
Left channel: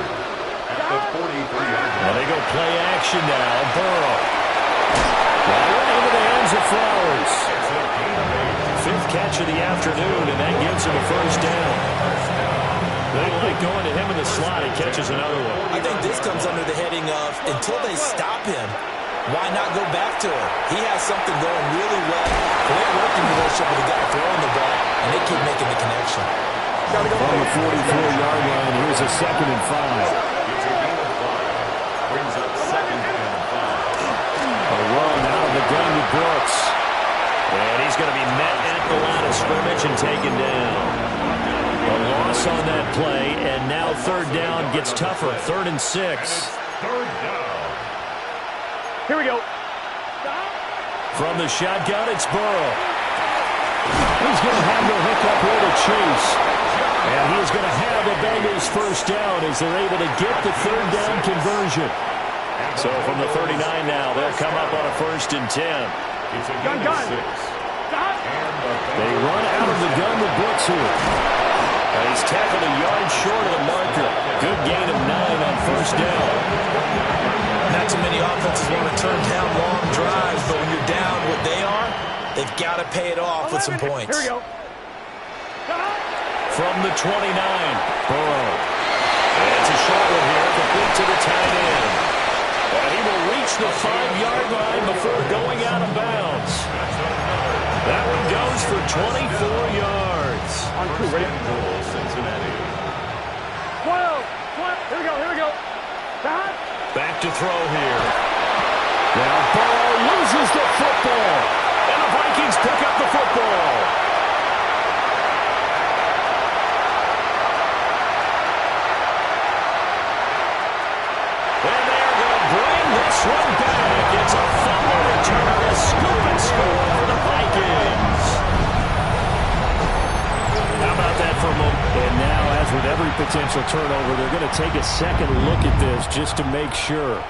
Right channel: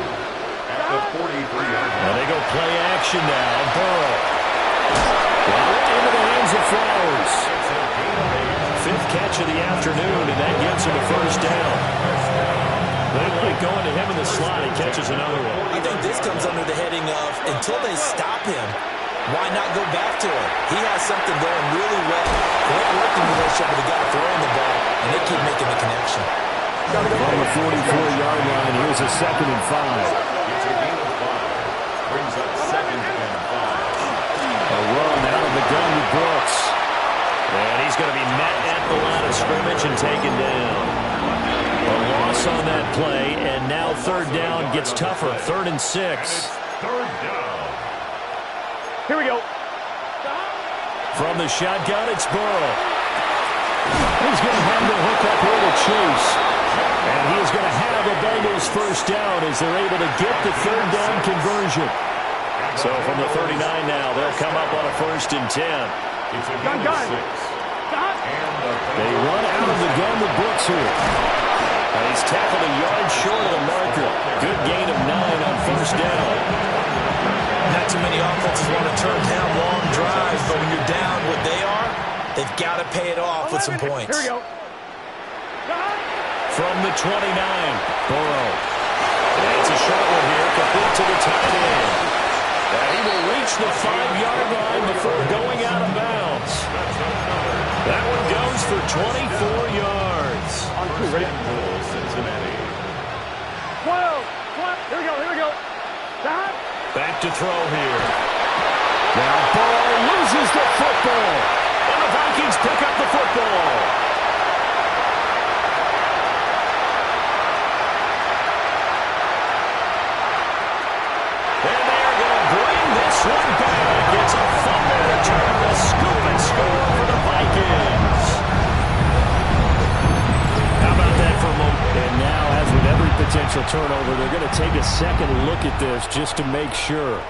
at the 43-yard line. And they go play action now. Burrow. Into the hands of Flowers. It's a gain of 8. 5th catch of the afternoon, and that gives him a first down. They like going to him in the slot. He catches another one. I think this comes under the heading of until they stop him, why not go back to him? He has something going really well. Great working relationship with the guy throwing the ball, and they keep making the connection. From the 44-yard line, here's a second and 5. It's a gain of 5. Brings up second and 5. A run out of the gun with Brooks. And he's going to be met at the line of scrimmage and taken down. A loss on that play, and now third down gets tougher. 3rd and 6. Third down. Here we go. From the shotgun, it's Burrow. He's going to have the hook up here to Chase. And he is going to have the Bengals first down as they're able to get the third down conversion. So from the 39 now, they'll come up on a first and 10. It's a gain of 6. They run out of the gun with Brooks here. And he's tackled a yard short of the marker. Good gain of 9 on first down. Not too many offenses want to turn down long drives, but when you're down what they are, they've got to pay it off with some points. Here we go. From the 29, Burrow. It's a short one here, complete to the tight end. And he will reach the 5-yard line before going out of bounds. That one goes for 24 yards. First and goal, Cincinnati. 12. Here we go. Back to throw here. Now Burrow loses the football. And the Vikings pick up the football. And they are going to bring this one back. It's a fumble return, a scoop and score for the Vikings. How about that for a moment? And now, as with every potential turnover, they're going to take a second look at this just to make sure.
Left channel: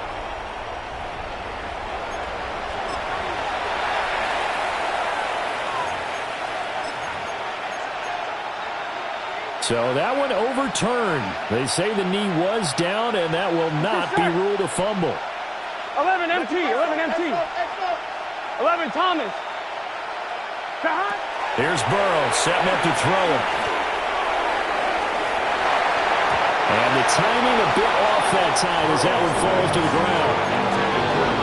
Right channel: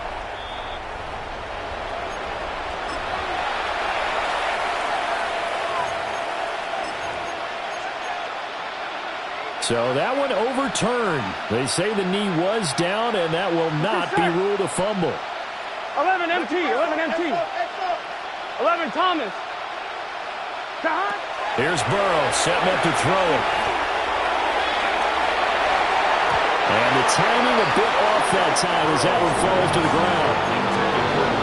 So that one overturned. They say the knee was down, and that will not be ruled a fumble. 11 MT. 11 Thomas. Here's Burrow setting up to throw it. And the timing a bit off that time as that one falls to the ground.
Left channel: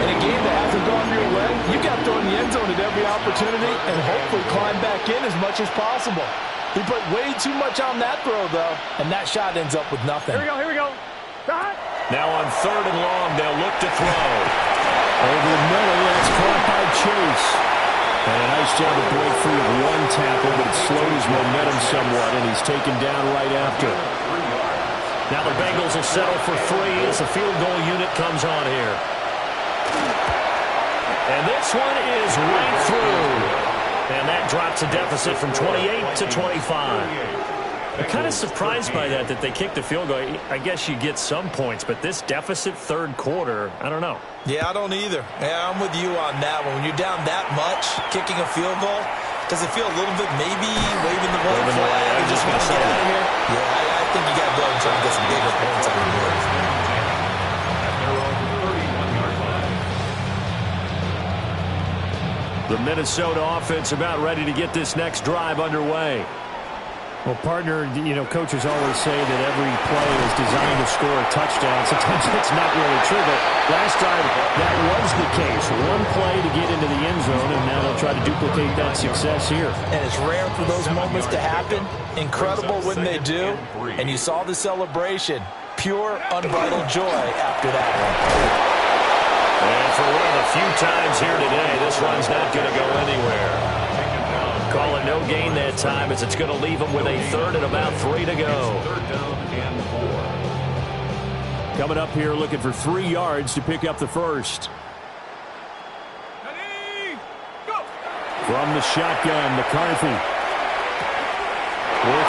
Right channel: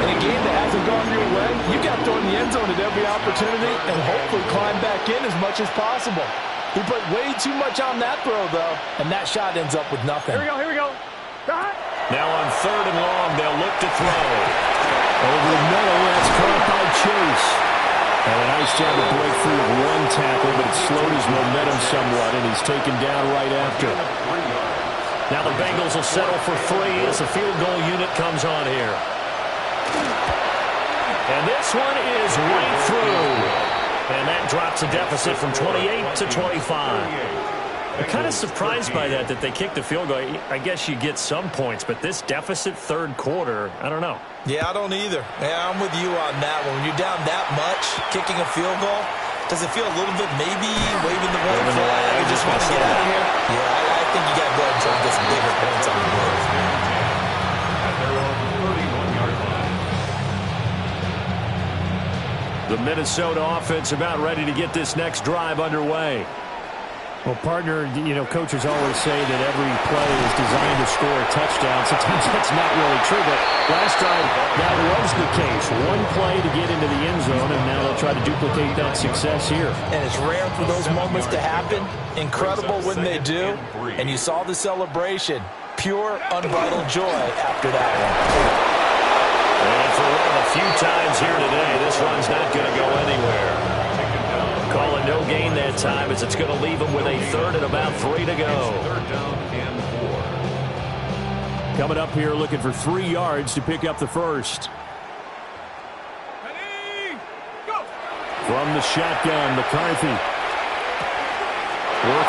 In a game that hasn't gone your way, you got to throw in the end zone at every opportunity and hopefully climb back in as much as possible. He put way too much on that throw, though, and that shot ends up with nothing. Here we go. Now on 3rd and long, they'll look to throw. Over the middle, that's caught by Chase. And a nice job to break free of one tackle, but it slowed his momentum somewhat, and he's taken down right after. Now the Bengals will settle for 3 as the field goal unit comes on here. And this one is right through. And that drops the deficit from 28 to 25. I'm kind of surprised by that they kicked the field goal. I guess you get some points, but this deficit third quarter, I don't know. Yeah, I don't either. Yeah, I'm with you on that one. When you're down that much, kicking a field goal, does it feel a little bit maybe waving the white flag and just want to get out of here? Yeah, I think you got to go ahead and try to get some bigger points on the board. At their own 31-yard line. The Minnesota offense about ready to get this next drive underway. Well, partner, coaches always say that every play is designed to score a touchdown. Sometimes that's not really true, but last drive, that was the case. One play to get into the end zone, and now they'll try to duplicate that success here. And it's rare for those moments to happen. Incredible when they do. And you saw the celebration. Pure, unbridled joy after that one. And for one of the few times here today, this run's not going to go anywhere. Call it no gain that time as it's going to leave them with a third and about 3 to go. Third down and 4. Coming up here looking for 3 yards to pick up the first. Ready, go! From the shotgun, McCarthy. Work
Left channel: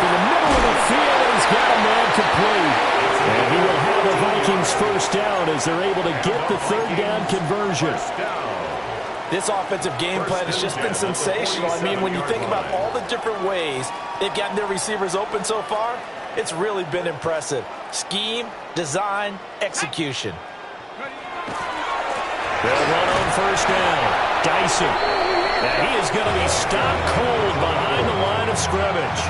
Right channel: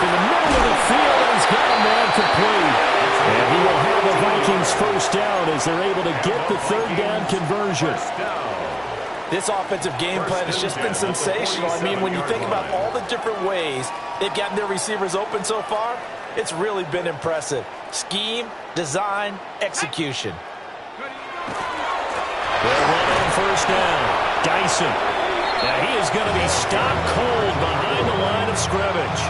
in the middle of the field, and he's got a man complete. And he will have a Vikings first down as they're able to get the third down conversion. This offensive game plan has just been sensational. I mean, when you think about all the different ways they've gotten their receivers open so far, it's really been impressive. Scheme, design, execution. They'll run on first down. Dyson. Now he is going to be stopped cold behind the line of scrimmage.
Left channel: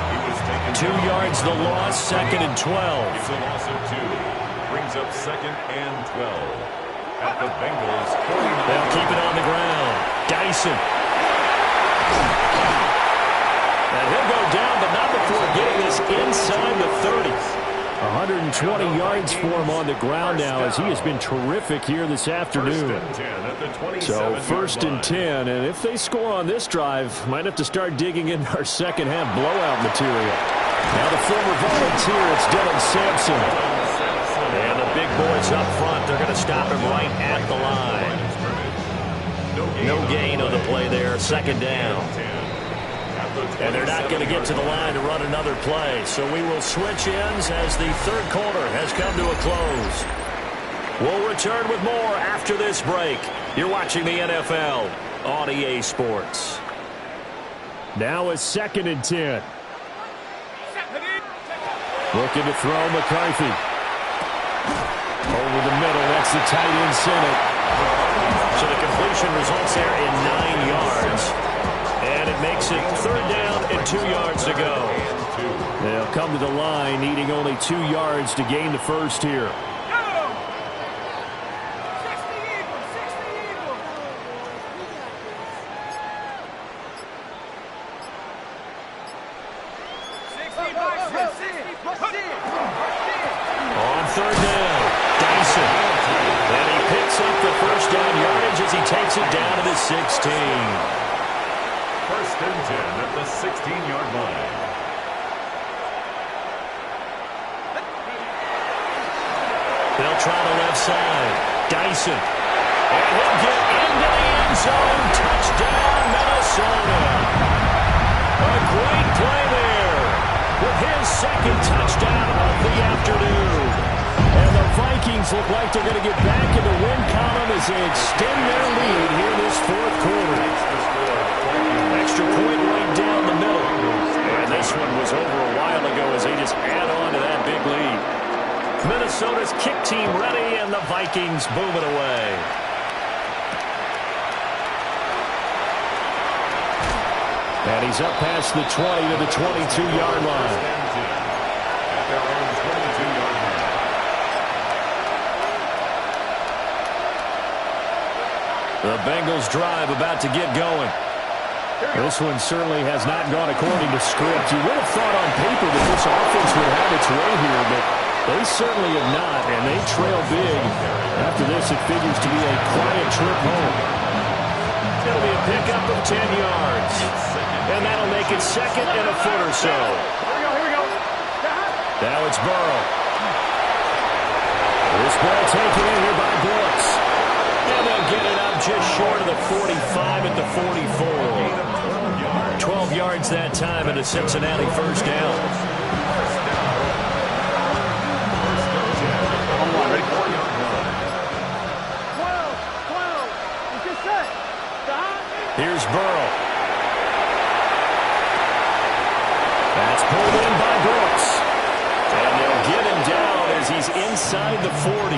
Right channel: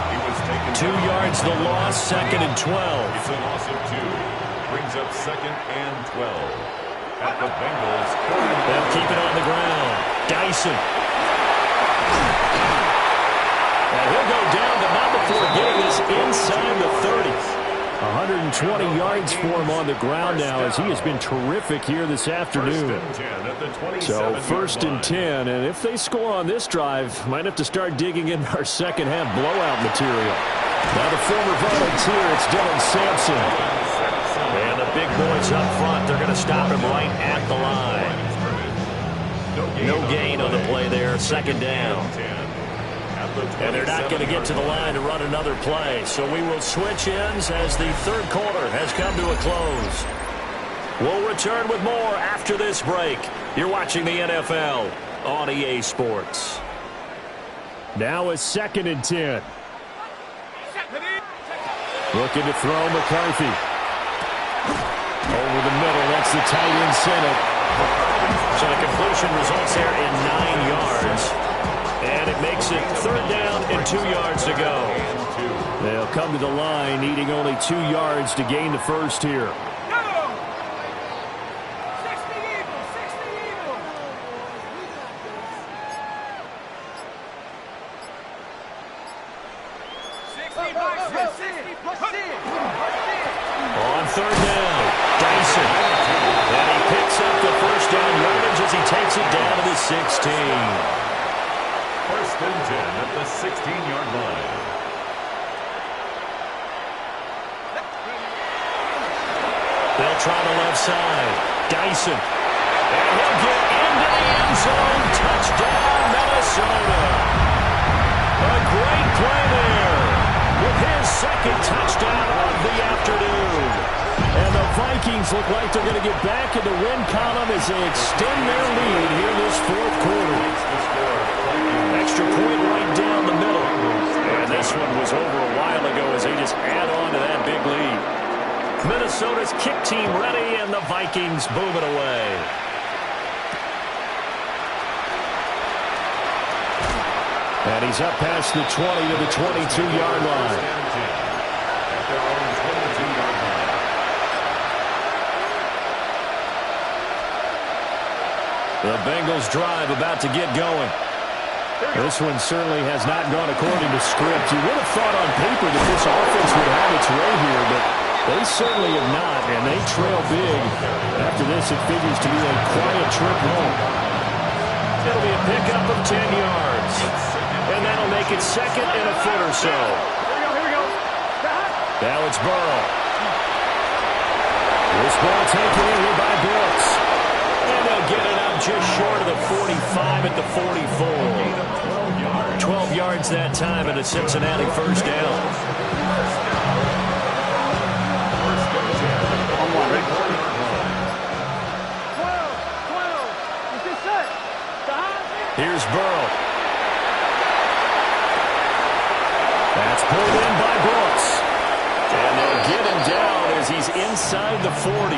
2 yards the loss, second and 12. It's a loss of 2. Brings up second and 12. At the Bengals, 49. They'll keep it on the ground. Dyson. And he'll go down, but not before getting this inside the 30. 120 yards for him on the ground now as he has been terrific here this afternoon. So first and 10, and if they score on this drive, might have to start digging in our second half blowout material. Now the former volunteer, it's Dylan Sampson. And the big boys up front, they're going to stop him right at the line. No gain on the play there, second down. And they're not going to get to the line to run another play. So we will switch ends as the third quarter has come to a close. We'll return with more after this break. You're watching the NFL on EA Sports. Now a second and 10. Looking to throw McCarthy. Over the middle, that's the tight end Senate. So the completion results there in 9 yards. And it makes it third down and 2 yards to go. They'll come to the line, needing only 2 yards to gain the first here. On third down, Dyson. And he picks up the first down yardage as he takes it down to the 16. First and 10 at the 16-yard line. They'll try the left side. Dyson. And he'll get into the end zone. Touchdown, Minnesota. A great play there with his second touchdown of the afternoon. And the Vikings look like they're going to get back in the win column as they extend their lead here this fourth quarter. Extra point right down the middle. And this one was over a while ago as they just add on to that big lead. Minnesota's kick team ready, and the Vikings boom it away. And he's up past the 20 to the 22-yard line. At their own 22-yard line. The Bengals drive about to get going. This one certainly has not gone according to script. You would have thought on paper that this offense would have its way here, but they certainly have not, and they trail big. After this, it figures to be a quiet trip home. It'll be a pickup of 10 yards. And that'll make it second and a foot or so. Here we go. Now it's Burrow. This ball taken in here by Brooks. And they'll get it up just short of the 45 at the 44. 12 yards that time and a Cincinnati first down. Here's Burrow. That's pulled in by Brooks. And they'll get him down as he's inside the 40.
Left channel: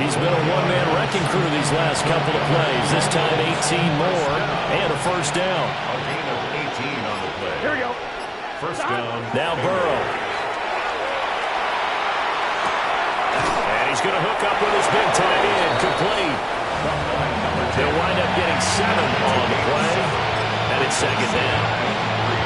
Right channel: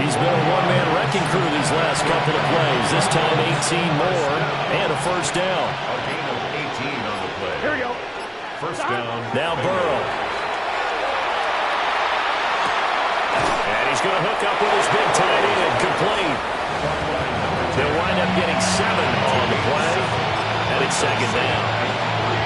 He's been a one-man wrecking crew these last couple of plays. This time 18 more and a first down. A gain of 18 on the play. Here we go. First down. Now Burrow. And he's going to hook up with his big tight end. Complete. They'll wind up getting 7 on the play. And it's second down.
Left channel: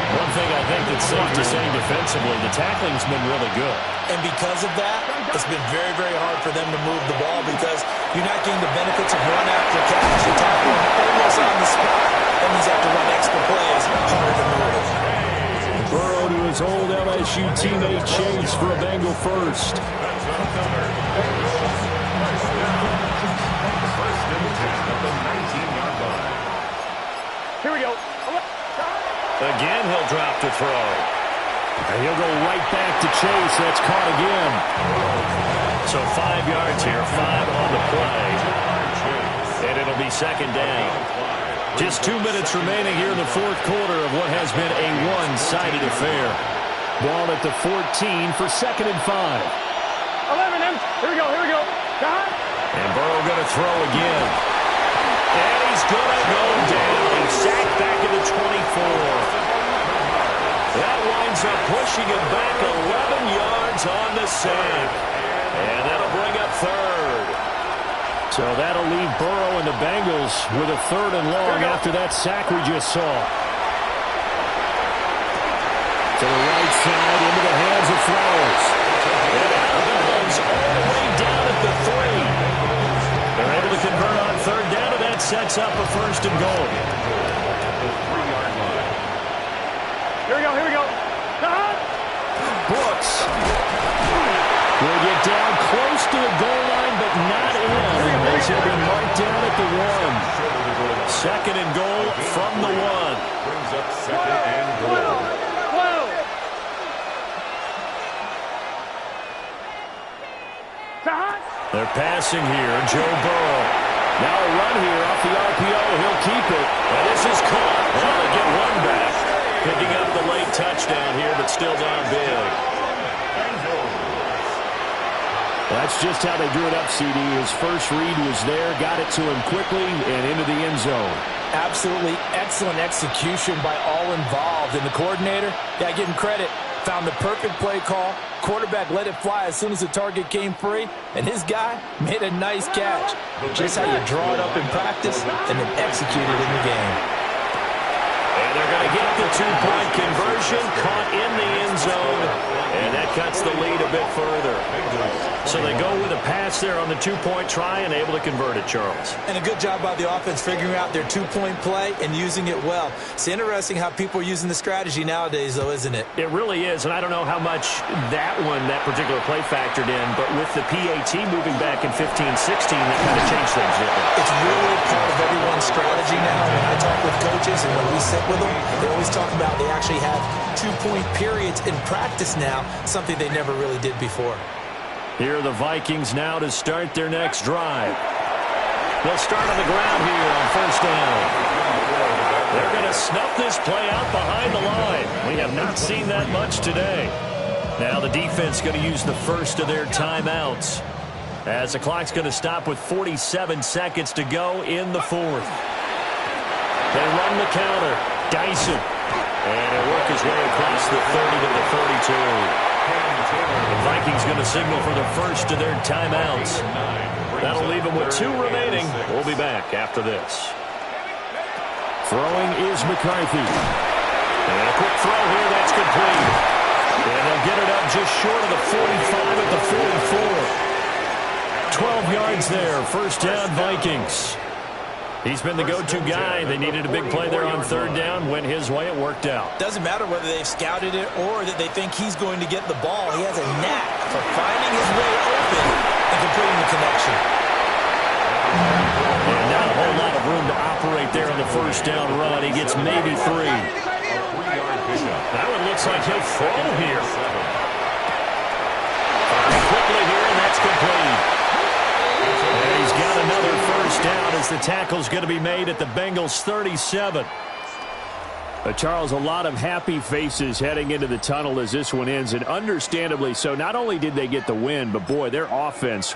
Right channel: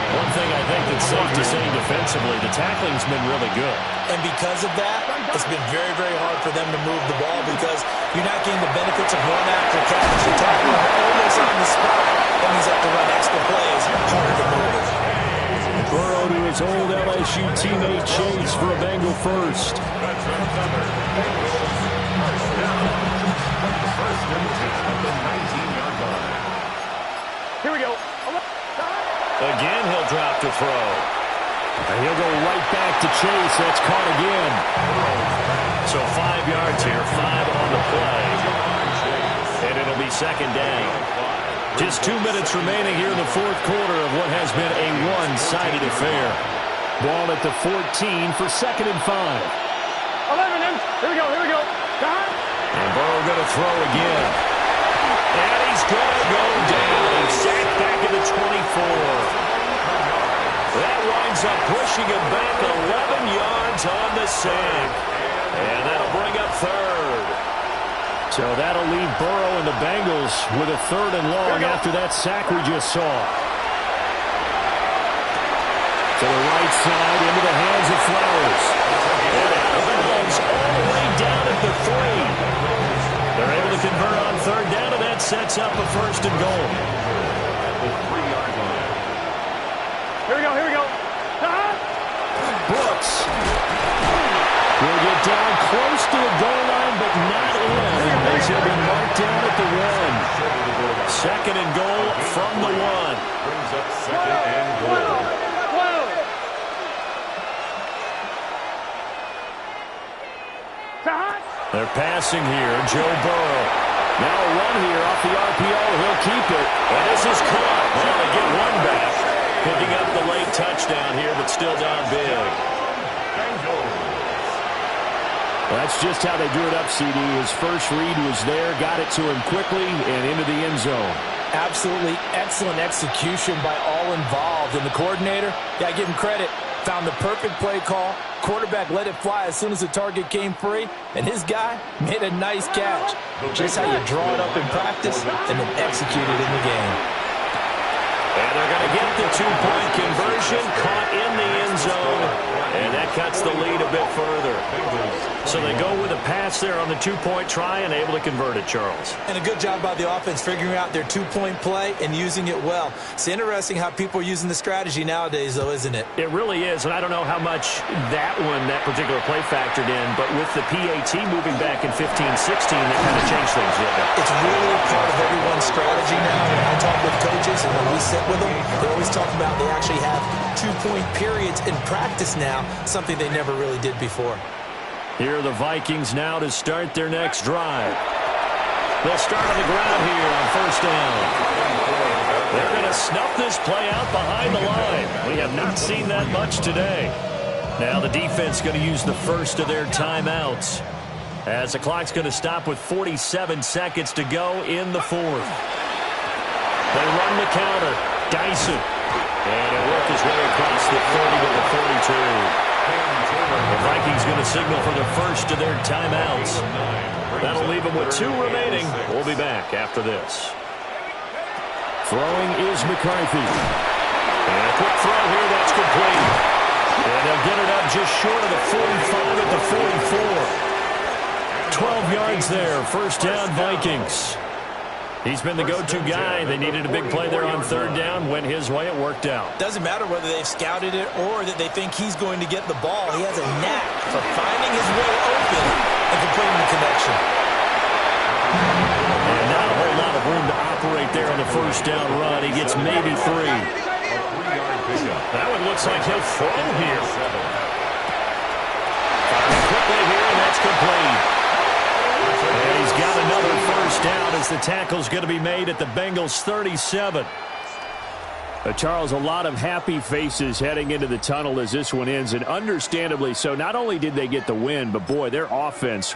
One thing I think that's safe to say defensively, the tackling's been really good. And because of that, it's been very, very hard for them to move the ball because you're not getting the benefits of run after catch. You tackle them almost on the spot. That means you have to run extra plays, harder to move. Burrow to his old LSU teammate Chase for a Bengal first. That's another Bengal first down. First and 10 at the 19-yard line. Here we go. Again, he'll drop to throw. And he'll go right back to Chase. That's caught again. So 5 yards here, 5 on the play. And it'll be second down. Just 2 minutes remaining here in the fourth quarter of what has been a one-sided affair. Ball at the 14 for second and 5. 11. Here we go. And Burrow going to throw again. And he's going to go down. He's sacked back at the 24. That winds up pushing him back 11 yards on the sack. And that'll bring up third. So that'll leave Burrow and the Bengals with a third and long after that sack we just saw. To the right side, into the hands of Flowers. And out of bounds all the way down at the 3. They're able to convert on third down, and that sets up a first and goal. At the 3-yard line. Here we go. Brooks will get down close to the goal line, but not in, as he'll be marked down at the 1. Second and goal from the 1. Brings up second and goal. They're passing here. Joe Burrow. Now a run here off the RPO. He'll keep it. And this is caught. Well, they get one back. Picking up the late touchdown here, but still down big. Well, that's just how they drew it up, CD. His first read was there, got it to him quickly, and into the end zone. Absolutely excellent execution by all involved. And the coordinator, got to give him credit, found the perfect play call. Quarterback let it fly as soon as the target came free, and his guy made a nice catch. Just how you draw it up in practice and then execute it in the game. And they're going to get the two-point conversion, caught in the end zone, and that cuts the lead a bit further. So they go with a pass there on the two-point try and able to convert it, Charles. And a good job by the offense figuring out their two-point play and using it well. It's interesting how people are using the strategy nowadays, though, isn't it? It really is, and I don't know how much that particular play factored in, but with the PAT moving back in 15-16, that kind of changed things, didn't it? It's really part of everyone's strategy now. When I talk with coaches and when we sit with them, they always talk about they actually have two-point periods in practice now, something they never really did before. Here are the Vikings now to start their next drive. They'll start on the ground here on first down. They're going to snuff this play out behind the line. We have not seen that much today. Now the defense going to use the first of their timeouts, as the clock's going to stop with 47 seconds to go in the fourth. They run the counter. Dyson. And he'll work his way across the 30 to the 32. The Vikings going to signal for the first of their timeouts. That'll leave them with 2 remaining. We'll be back after this. Throwing is McCarthy. And a quick throw here. That's complete. And they'll get it up just short of the 45 at the 44. 12 yards there. First down, Vikings. He's been the go-to guy. They needed a big play there on third down. Went his way. It worked out. Doesn't matter whether they've scouted it or that they think he's going to get the ball. He has a knack for finding his way open and completing the connection. And not a whole lot of room to operate there on the first down run. He gets maybe 3. That one looks like he'll throw here. Firing quickly here, and that's complete. And he's got another first down as the tackle's going to be made at the Bengals' 37. Charles, a lot of happy faces heading into the tunnel as this one ends, and understandably so. Not only did they get the win, but, boy, their offense